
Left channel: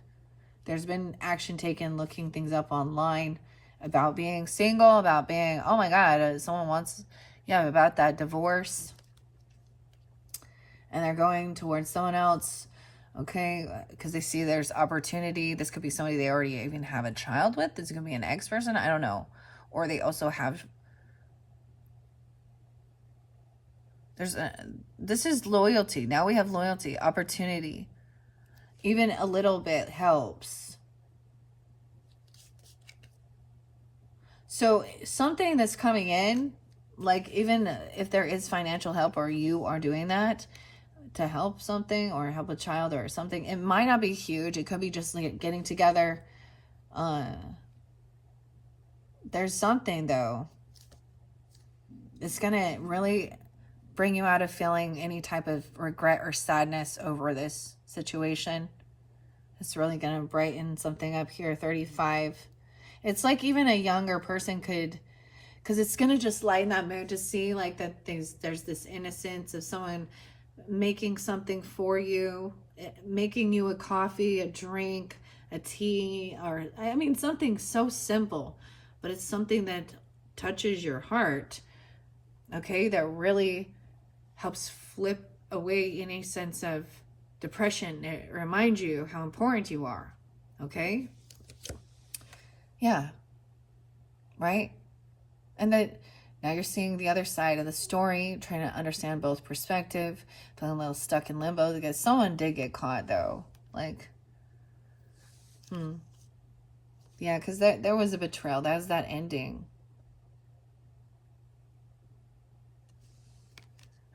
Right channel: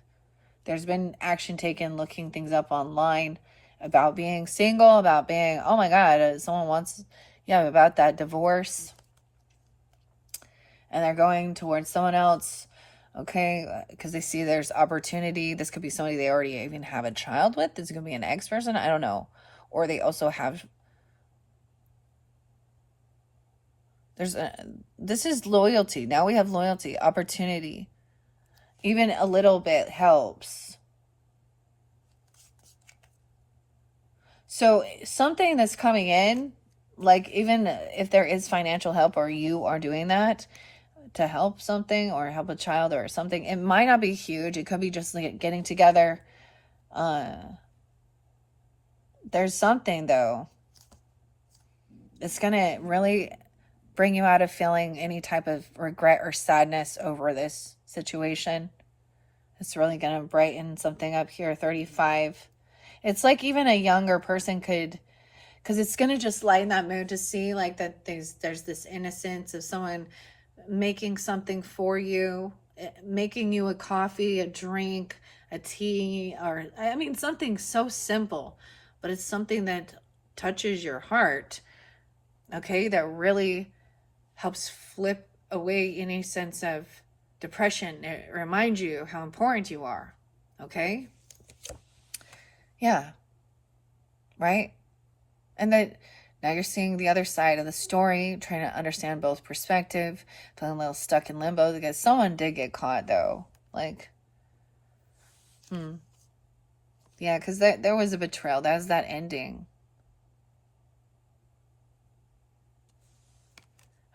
There's been action taken, looking things up online about being single, about being, oh my God, someone wants, about that divorce. And they're going towards someone else, okay, because they see there's opportunity. This could be somebody they already even have a child with. This could be an ex-person, I don't know. Or they also have, this is loyalty. Now we have loyalty, opportunity. Even a little bit helps. So something that's coming in, like even if there is financial help or you are doing that to help something or help a child or something, it might not be huge. It could be just like getting together. There's something though. It's going to really bring you out of feeling any type of regret or sadness over this situation. It's really going to brighten something up here. 35. It's like even a younger person could, because it's going to just lighten that mood to see like that there's this innocence of someone making something for you, making you a coffee, a drink, a tea, or something so simple, but it's something that touches your heart, okay, that really helps flip away any sense of depression. It reminds you how important you are, okay? Yeah, right? And that now you're seeing the other side of the story, trying to understand both perspective, feeling a little stuck in limbo because someone did get caught though. Like, yeah, because there was a betrayal. That was that ending.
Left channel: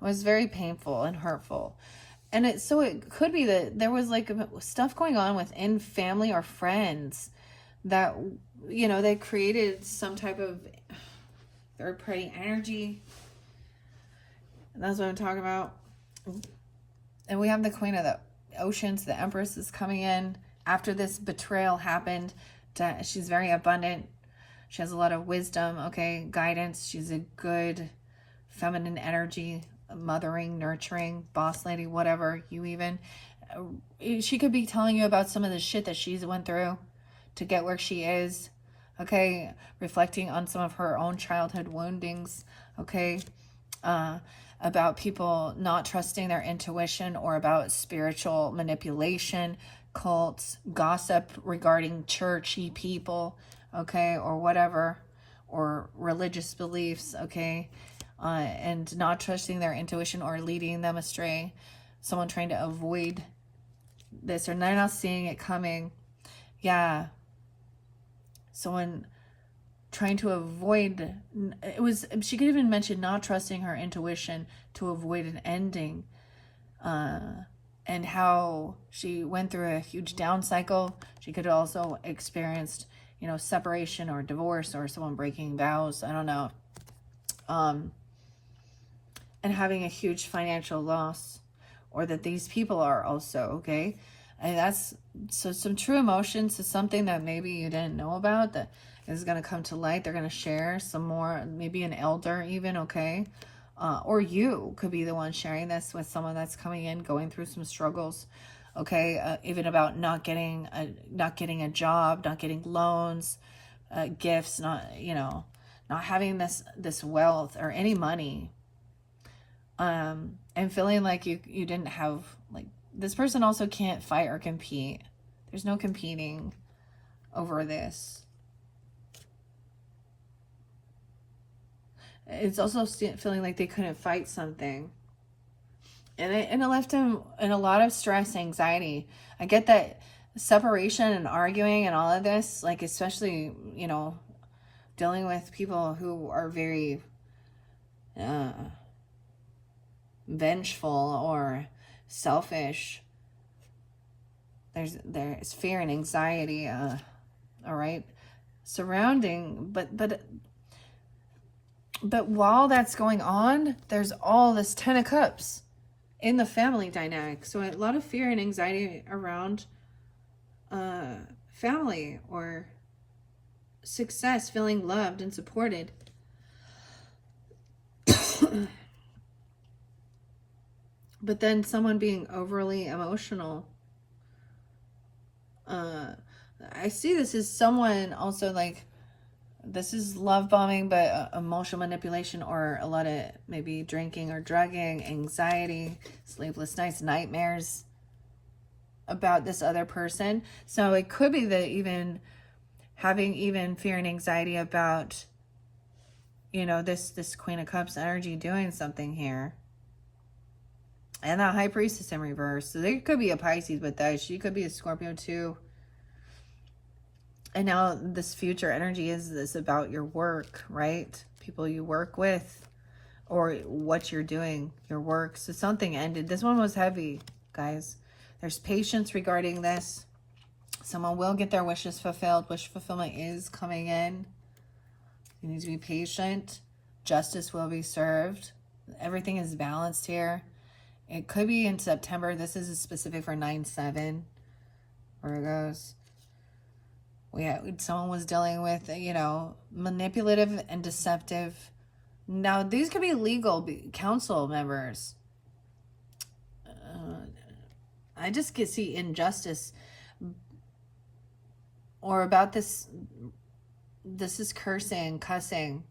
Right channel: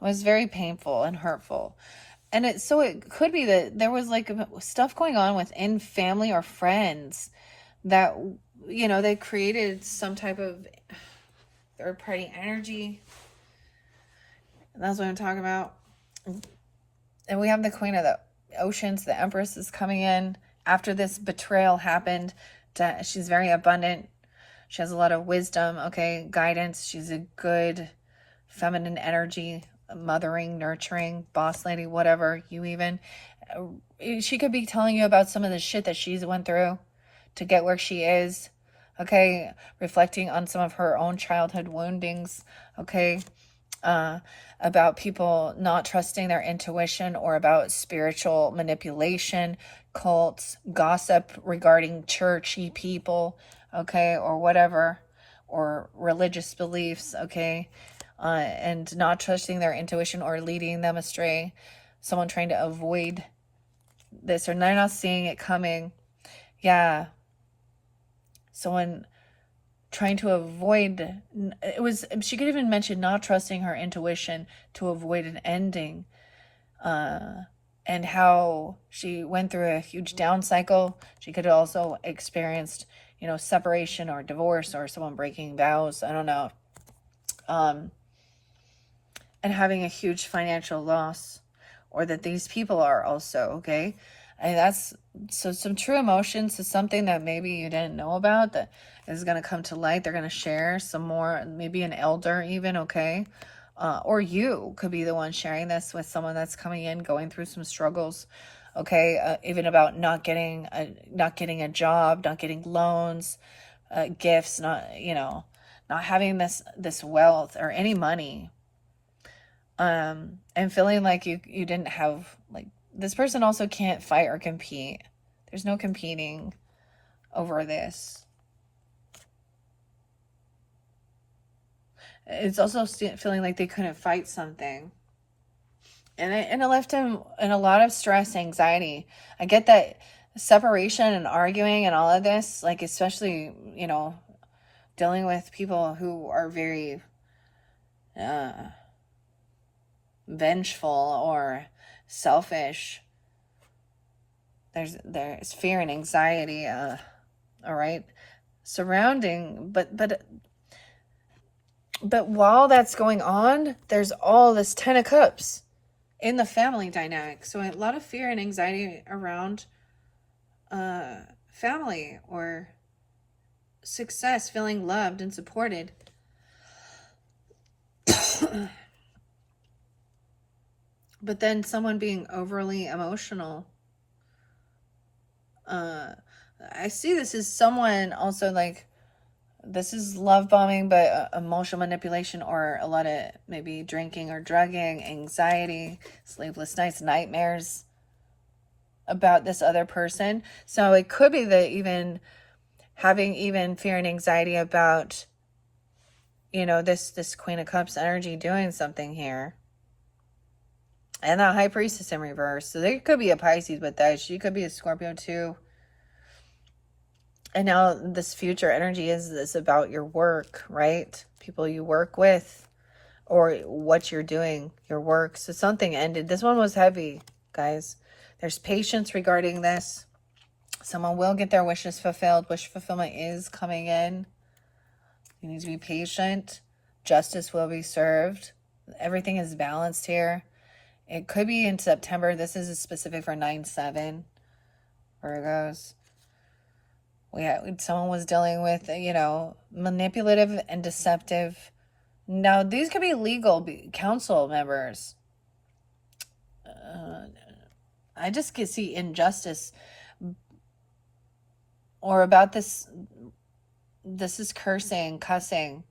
It was very painful and hurtful. And it could be that there was like stuff going on within family or friends that, they created some type of third party energy. And that's what I'm talking about. And we have the Queen of the Oceans, the Empress is coming in after this betrayal happened. She's very abundant. She has a lot of wisdom, okay, guidance. She's a good feminine energy, mothering, nurturing, boss lady, whatever you even. She could be telling you about some of the shit that she's went through to get where she is, okay, reflecting on some of her own childhood woundings, okay, about people not trusting their intuition, or about spiritual manipulation, cults, gossip regarding churchy people, okay, or whatever, or religious beliefs, okay, and not trusting their intuition or leading them astray. Someone trying to avoid this, or they're not seeing it coming. Yeah. Someone trying to avoid, she could even mention not trusting her intuition to avoid an ending, and how she went through a huge down cycle. She could have also experienced, separation or divorce, or someone breaking vows, I don't know, and having a huge financial loss, or that these people are also, okay. And that's some true emotions is something that maybe you didn't know about that is going to come to light. They're going to share some more, maybe an elder even, okay? Or you could be the one sharing this with someone that's coming in, going through some struggles, okay? Even about not getting a job, not getting loans, gifts, not not having this wealth or any money, and feeling like you didn't have, like, this person also can't fight or compete. There's no competing over this. It's also feeling like they couldn't fight something. And it left him in a lot of stress, anxiety. I get that separation and arguing and all of this, like, especially, you know, dealing with people who are very vengeful or selfish. There's fear and anxiety, all right, surrounding, but while that's going on, there's all this Ten of Cups in the family dynamic. So a lot of fear and anxiety around family or success, feeling loved and supported. But then someone being overly emotional. I see this as someone also, like, this is love bombing, but emotional manipulation, or a lot of maybe drinking or drugging, anxiety, sleepless nights, nightmares about this other person. So it could be that even having even fear and anxiety about, you know, this Queen of Cups energy doing something here. And the High Priestess in reverse. So there could be a Pisces with that. She could be a Scorpio too. And now this future energy is this about your work, right? People you work with, or what you're doing, your work. So something ended. This one was heavy, guys. There's patience regarding this. Someone will get their wishes fulfilled. Wish fulfillment is coming in. You need to be patient. Justice will be served. Everything is balanced here. It could be in September. This is specific for 9/7 Virgos. Someone was dealing with, you know, manipulative and deceptive. Now, these could be legal council members. I just can see injustice, or about this. This is cursing, cussing,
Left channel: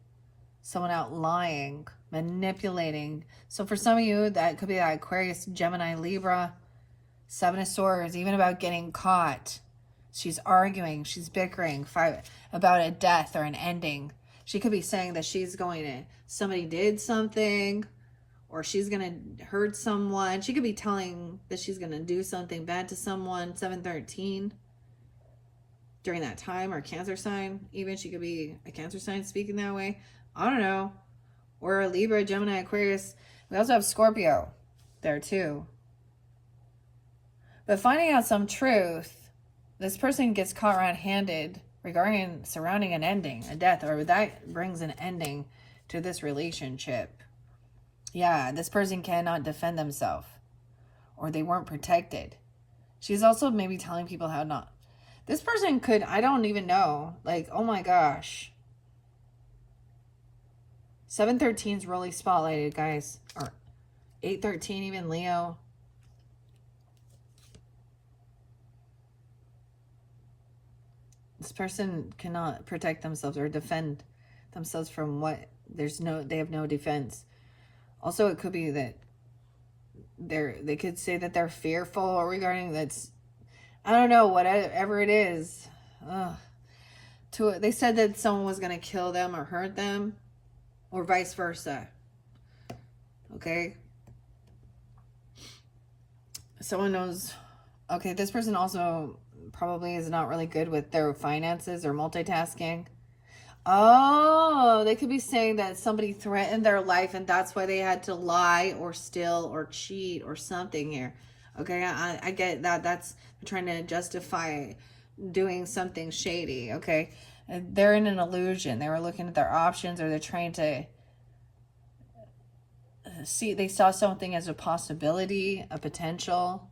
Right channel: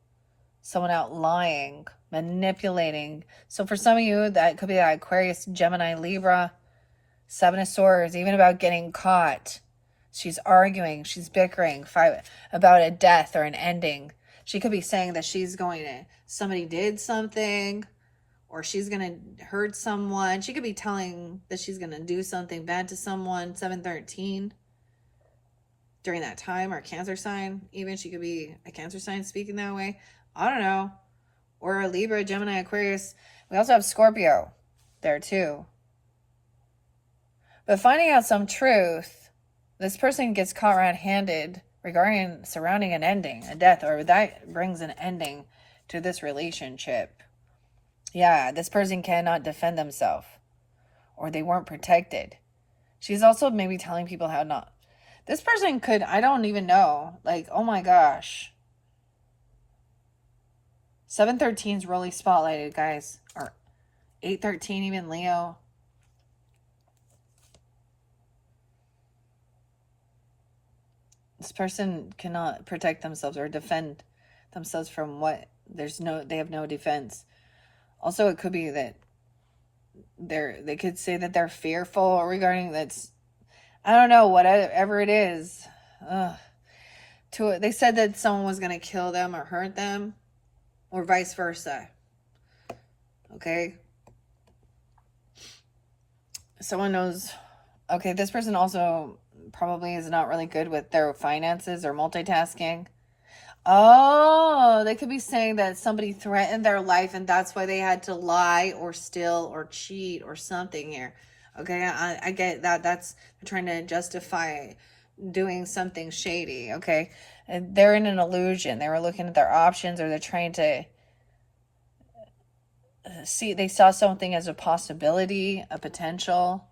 someone out lying, manipulating. So for some of you, that could be that Aquarius, Gemini, Libra, Seven of Swords, even about getting caught. She's arguing, she's bickering about a death or an ending. She could be saying that somebody did something, or she's going to hurt someone. She could be telling that she's going to do something bad to someone. 7/13 during that time, or Cancer sign. Even she could be a Cancer sign speaking that way. I don't know. Or a Libra, Gemini, Aquarius. We also have Scorpio there too. But finding out some truth, this person gets caught red-handed surrounding an ending, a death, or that brings an ending to this relationship. Yeah, this person cannot defend themselves, or they weren't protected. She's also maybe telling people how not. This person could, I don't even know, like, oh my gosh. 7/13 is really spotlighted, guys. Or 8/13, even Leo. This person cannot protect themselves or defend themselves from what? They have no defense. Also, it could be that they could say that they're fearful regarding that's, I don't know, whatever it is. They said that someone was going to kill them or hurt them, or vice versa. Okay? Someone knows. Okay, this person also probably is not really good with their finances or multitasking. Oh, they could be saying that somebody threatened their life and that's why they had to lie or steal or cheat or something here. Okay, I get that. That's trying to justify doing something shady. Okay, they're in an illusion. They were looking at their options, or they're trying to see. They saw something as a possibility, a potential.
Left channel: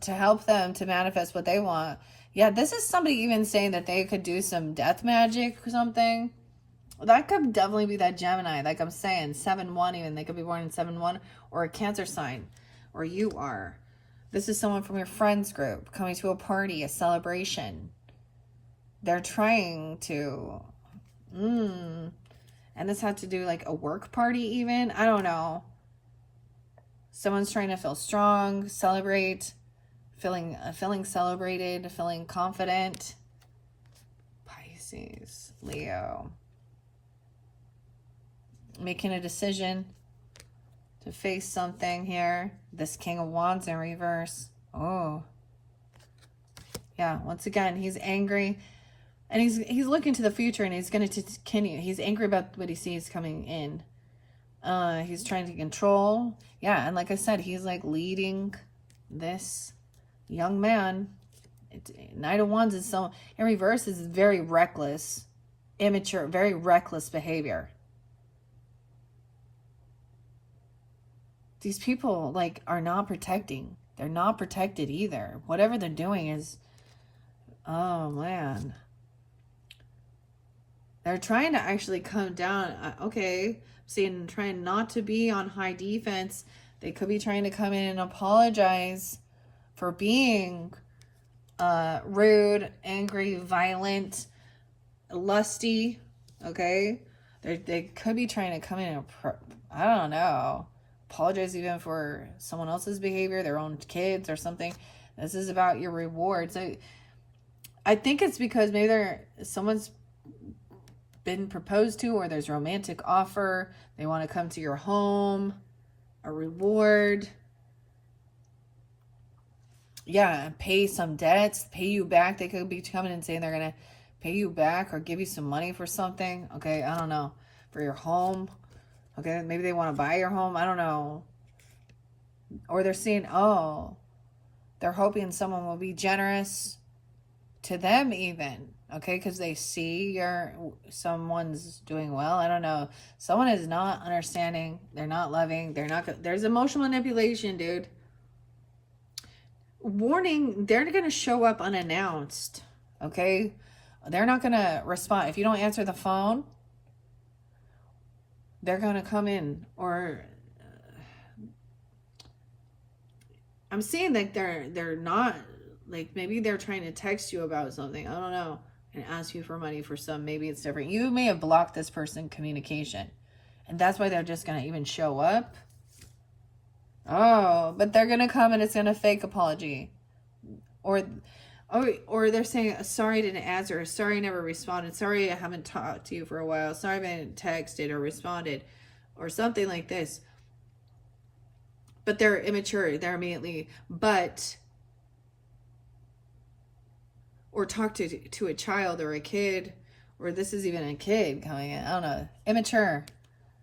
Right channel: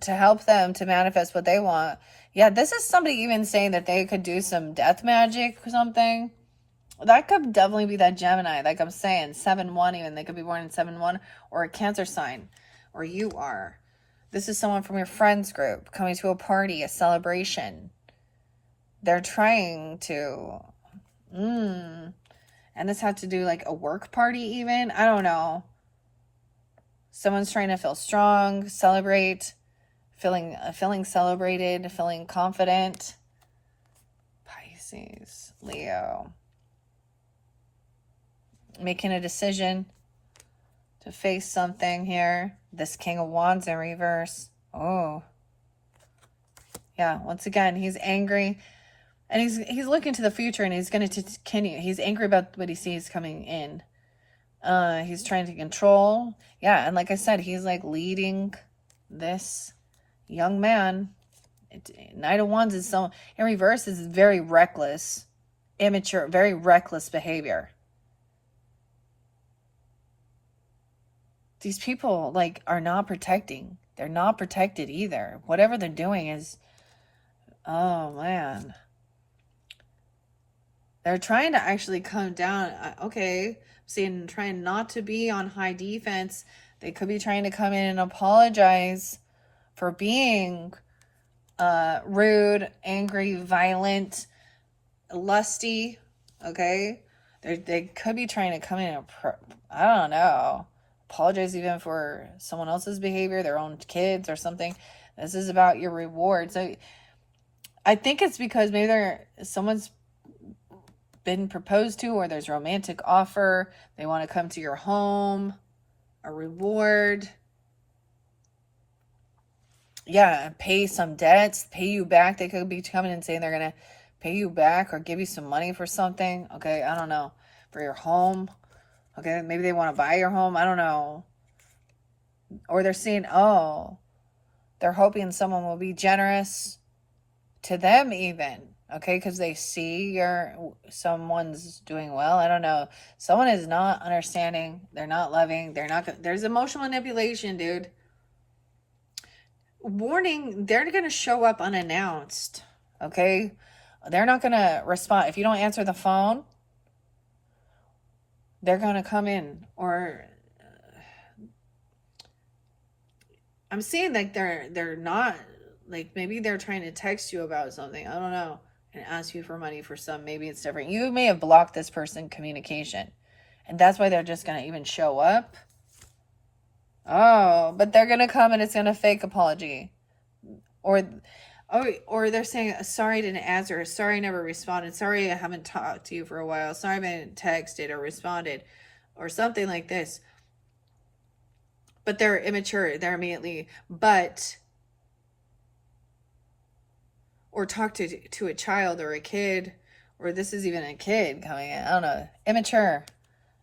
To help them to manifest what they want. Yeah, this is somebody even saying that they could do some death magic or something. That could definitely be that Gemini, like I'm saying, 7/1 even. They could be born in 7/1, or a Cancer sign, or you are. This is someone from your friends group coming to a party, a celebration. they're trying to, and this had to do like a work party even. I don't know. Someone's trying to feel strong, celebrate, feeling celebrated, feeling confident. Pisces, Leo. Making a decision to face something here. This King of Wands in reverse. Oh. Yeah, once again, he's angry. And he's looking to the future, and he's going to continue. He's angry about what he sees coming in. He's trying to control. Yeah, and like I said, he's like leading this young man. Knight of Wands is so, in reverse, is very reckless, immature, very reckless behavior. These people like are not protecting. They're not protected either. Whatever they're doing is, oh man. They're trying to actually come down. Okay, saying trying not to be on high defense. They could be trying to come in and apologize for being rude, angry, violent, lusty. Okay, they could be trying to come in and I don't know, apologize even for someone else's behavior, their own kids or something. This is about your rewards. I think it's because maybe someone's been proposed to, or there's romantic offer. They want to come to your home, a reward. Yeah, pay some debts, pay you back. They could be coming and saying they're going to pay you back or give you some money for something. Okay, I don't know. For your home. Okay, maybe they want to buy your home. I don't know. Or they're saying, oh, they're hoping someone will be generous to them even. Okay, because they see someone's doing well. I don't know. Someone is not understanding. They're not loving. There's emotional manipulation, dude. Warning, they're going to show up unannounced. Okay? They're not going to respond. If you don't answer the phone, they're going to come in. Or I'm seeing like they're not, like maybe they're trying to text you about something. I don't know. And ask you for money for some. Maybe it's different. You may have blocked this person communication. And that's why they're just going to even show up. Oh, but they're going to come and it's going to fake apology. Or they're saying, sorry I didn't answer. Sorry I never responded. Sorry I haven't talked to you for a while. Sorry I haven't texted or responded. Or something like this. But they're immature. They're immediately. Or talk to a child or a kid. Or this is even a kid coming in. I don't know. Immature.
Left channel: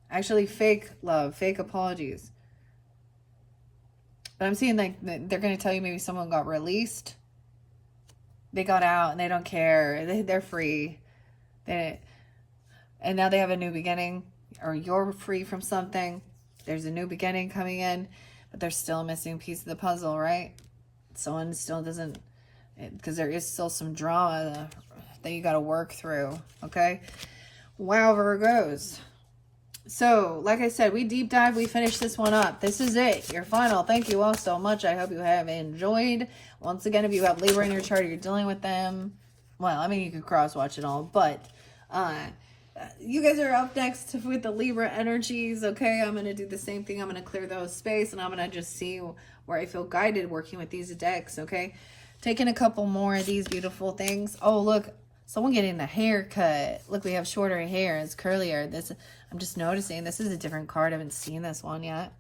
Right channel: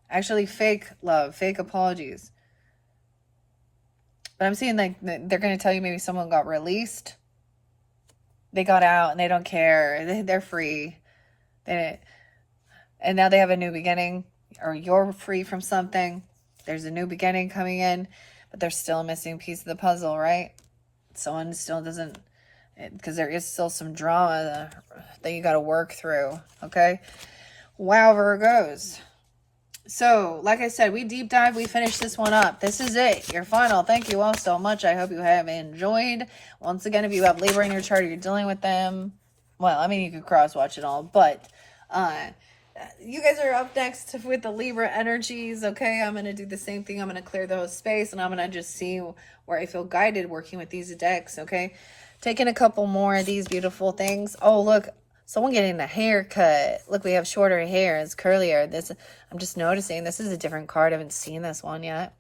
Actually fake love. Fake apologies. But I'm seeing like they're going to tell you maybe someone got released. They got out and they don't care. They're free. And now they have a new beginning. Or you're free from something. There's a new beginning coming in. But there's still a missing piece of the puzzle, right? Someone still doesn't... Because there is still some drama that you got to work through. Okay? Wow, Virgos. So, like I said, we deep dive. We finished this one up. This is it. Your final. Thank you all so much. I hope you have enjoyed. Once again, if you have Libra in your chart, you're dealing with them. Well, I mean, you could cross-watch it all. But you guys are up next with the Libra energies. Okay, I'm going to do the same thing. I'm going to clear the whole space. And I'm going to just see where I feel guided working with these decks. Okay, taking a couple more of these beautiful things. Oh, look. Someone getting a haircut. Look, we have shorter hair. It's curlier. I'm just noticing this is a different card. I haven't seen this one yet.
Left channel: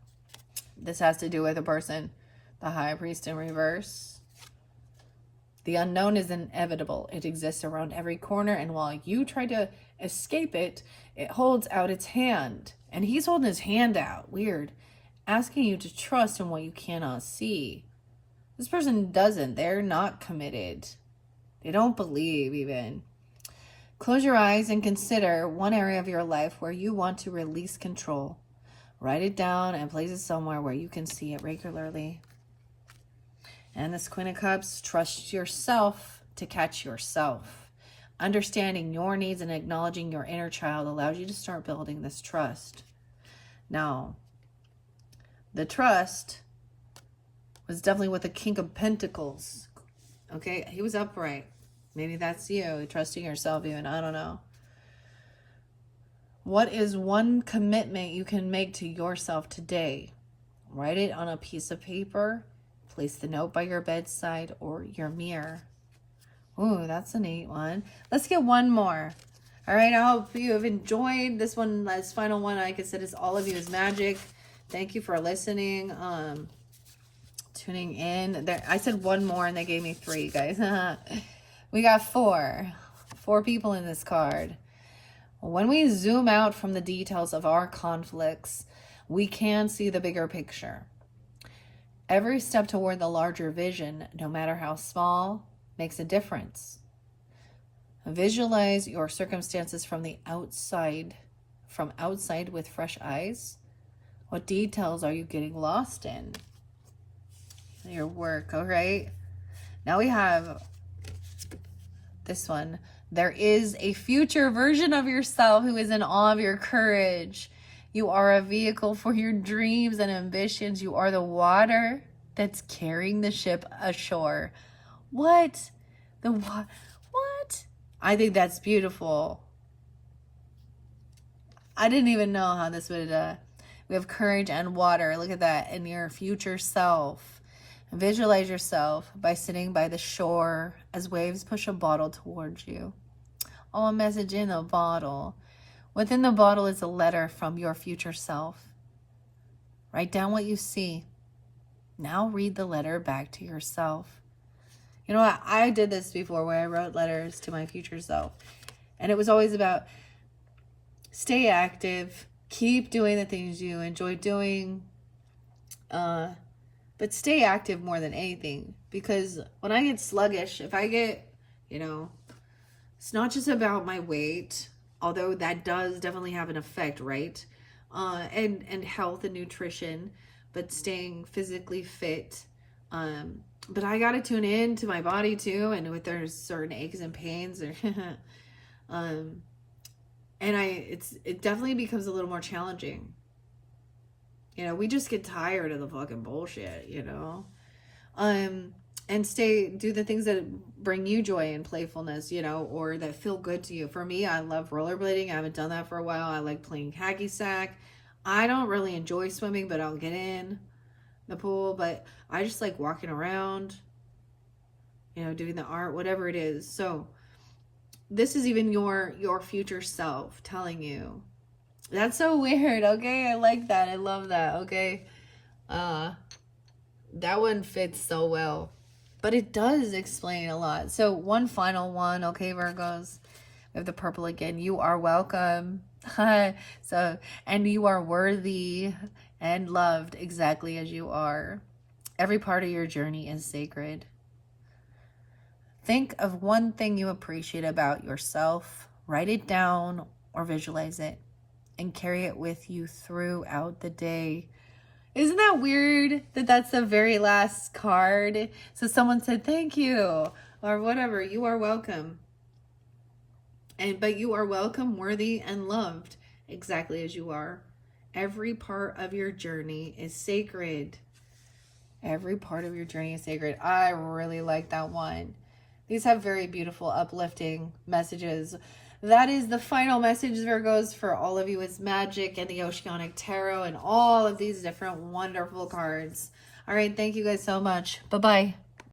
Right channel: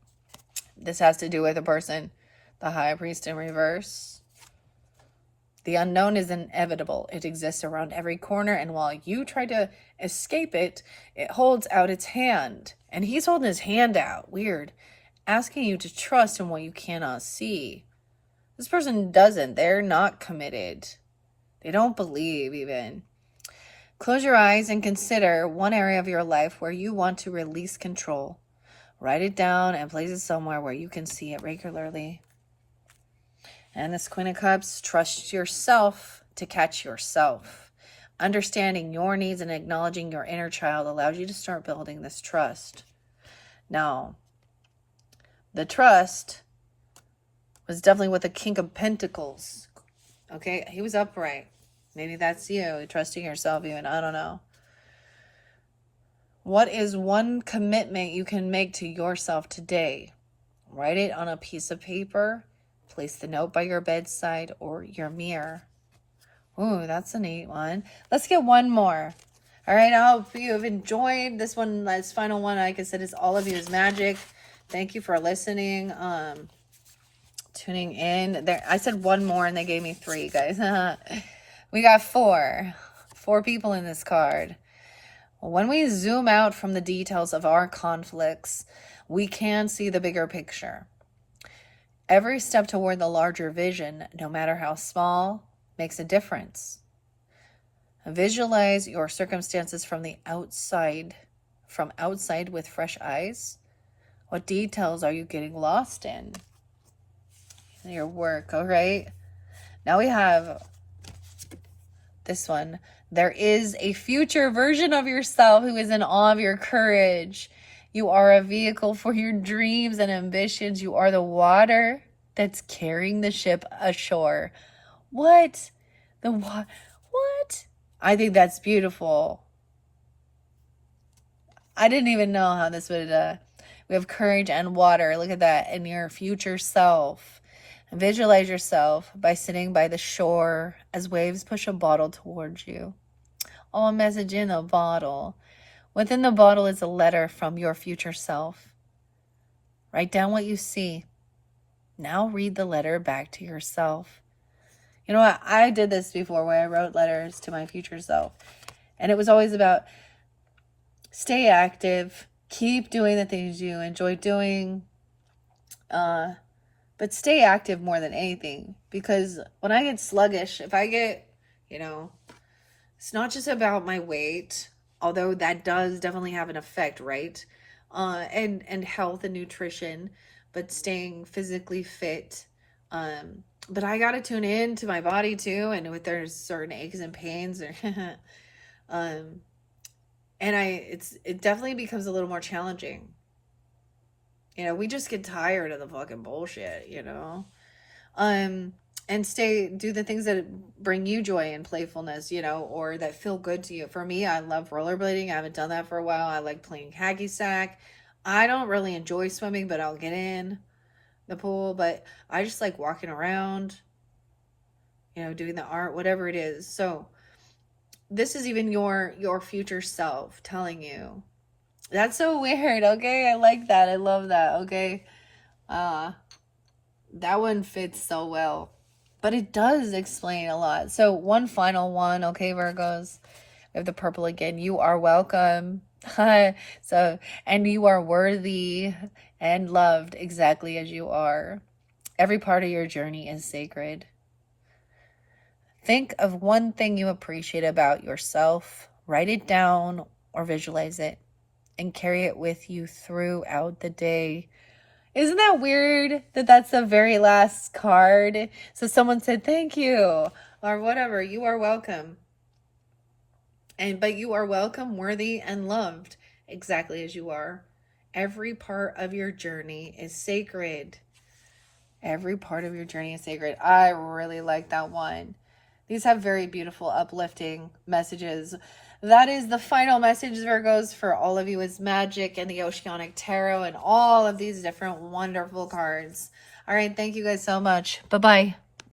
This has to do with a person. The High Priest in reverse. The unknown is inevitable. It exists around every corner. And while you try to escape it, it holds out its hand. And he's holding his hand out. Weird. Asking you to trust in what you cannot see. This person doesn't. They're not committed. They don't believe even. Close your eyes and consider one area of your life where you want to release control. Write it down and place it somewhere where you can see it regularly. And this Queen of Cups, trust yourself to catch yourself. Understanding your needs and acknowledging your inner child allows you to start building this trust. Now, the trust was definitely with the King of Pentacles. Okay, he was upright. Maybe that's you, trusting yourself even. I don't know. What is one commitment you can make to yourself today? Write it on a piece of paper. Place the note by your bedside or your mirror. Ooh, that's a neat one. Let's get one more. All right, I hope you have enjoyed this one. This final one, like I said, is all of you is magic. Thank you for listening. Tuning in. There, I said one more and they gave me 3, guys. We got 4. 4 people in this card. When we zoom out from the details of our conflicts, we can see the bigger picture. Every step toward the larger vision, no matter how small, makes a difference. Visualize your circumstances from the outside, with fresh eyes. What details are you getting lost in? Your work, all right? Now we have this one. There is a future version of yourself who is in awe of your courage. You are a vehicle for your dreams and ambitions. You are the water that's carrying the ship ashore. What? What? I think that's beautiful. I didn't even know how this would, we have courage and water. Look at that. And your future self. Visualize yourself by sitting by the shore as waves push a bottle towards you. Oh, a message in a bottle. Within the bottle is a letter from your future self. Write down what you see. Now read the letter back to yourself. You know what? I did this before when I wrote letters to my future self. And it was always about stay active, keep doing the things you enjoy doing, but stay active more than anything. Because when I get sluggish, if I get, it's not just about my weight, although that does definitely have an effect, right? And health and nutrition, but staying physically fit. But I got to tune in to my body too, and if there's certain aches and pains, or and it definitely becomes a little more challenging. We just get tired of the fucking bullshit, and do the things that bring you joy and playfulness, or that feel good to you. For me, I love rollerblading. I haven't done that for a while. I like playing hacky sack. I don't really enjoy swimming, but I'll get in the pool. But I just like walking around, doing the art, whatever it is. So this is even your future self telling you. That's so weird. Okay, I like that. I love that. Okay, that one fits so well, but it does explain a lot. So one final one. Okay, Virgos, we have the purple again. You are welcome. And you are worthy and loved exactly as you are. Every part of your journey is sacred. Think of one thing you appreciate about yourself. Write it down or visualize it and carry it with you throughout the day. Isn't that weird that that's the very last card? So someone said, thank you, or whatever. You are welcome. But you are welcome, worthy, and loved exactly as you are. Every part of your journey is sacred. Every part of your journey is sacred. I really like that one. These have very beautiful, uplifting messages. That is the final message, Virgos, for all of you. It's magic and the Oceanic Tarot and all of these different wonderful cards. All right, thank you guys so much. Bye-bye.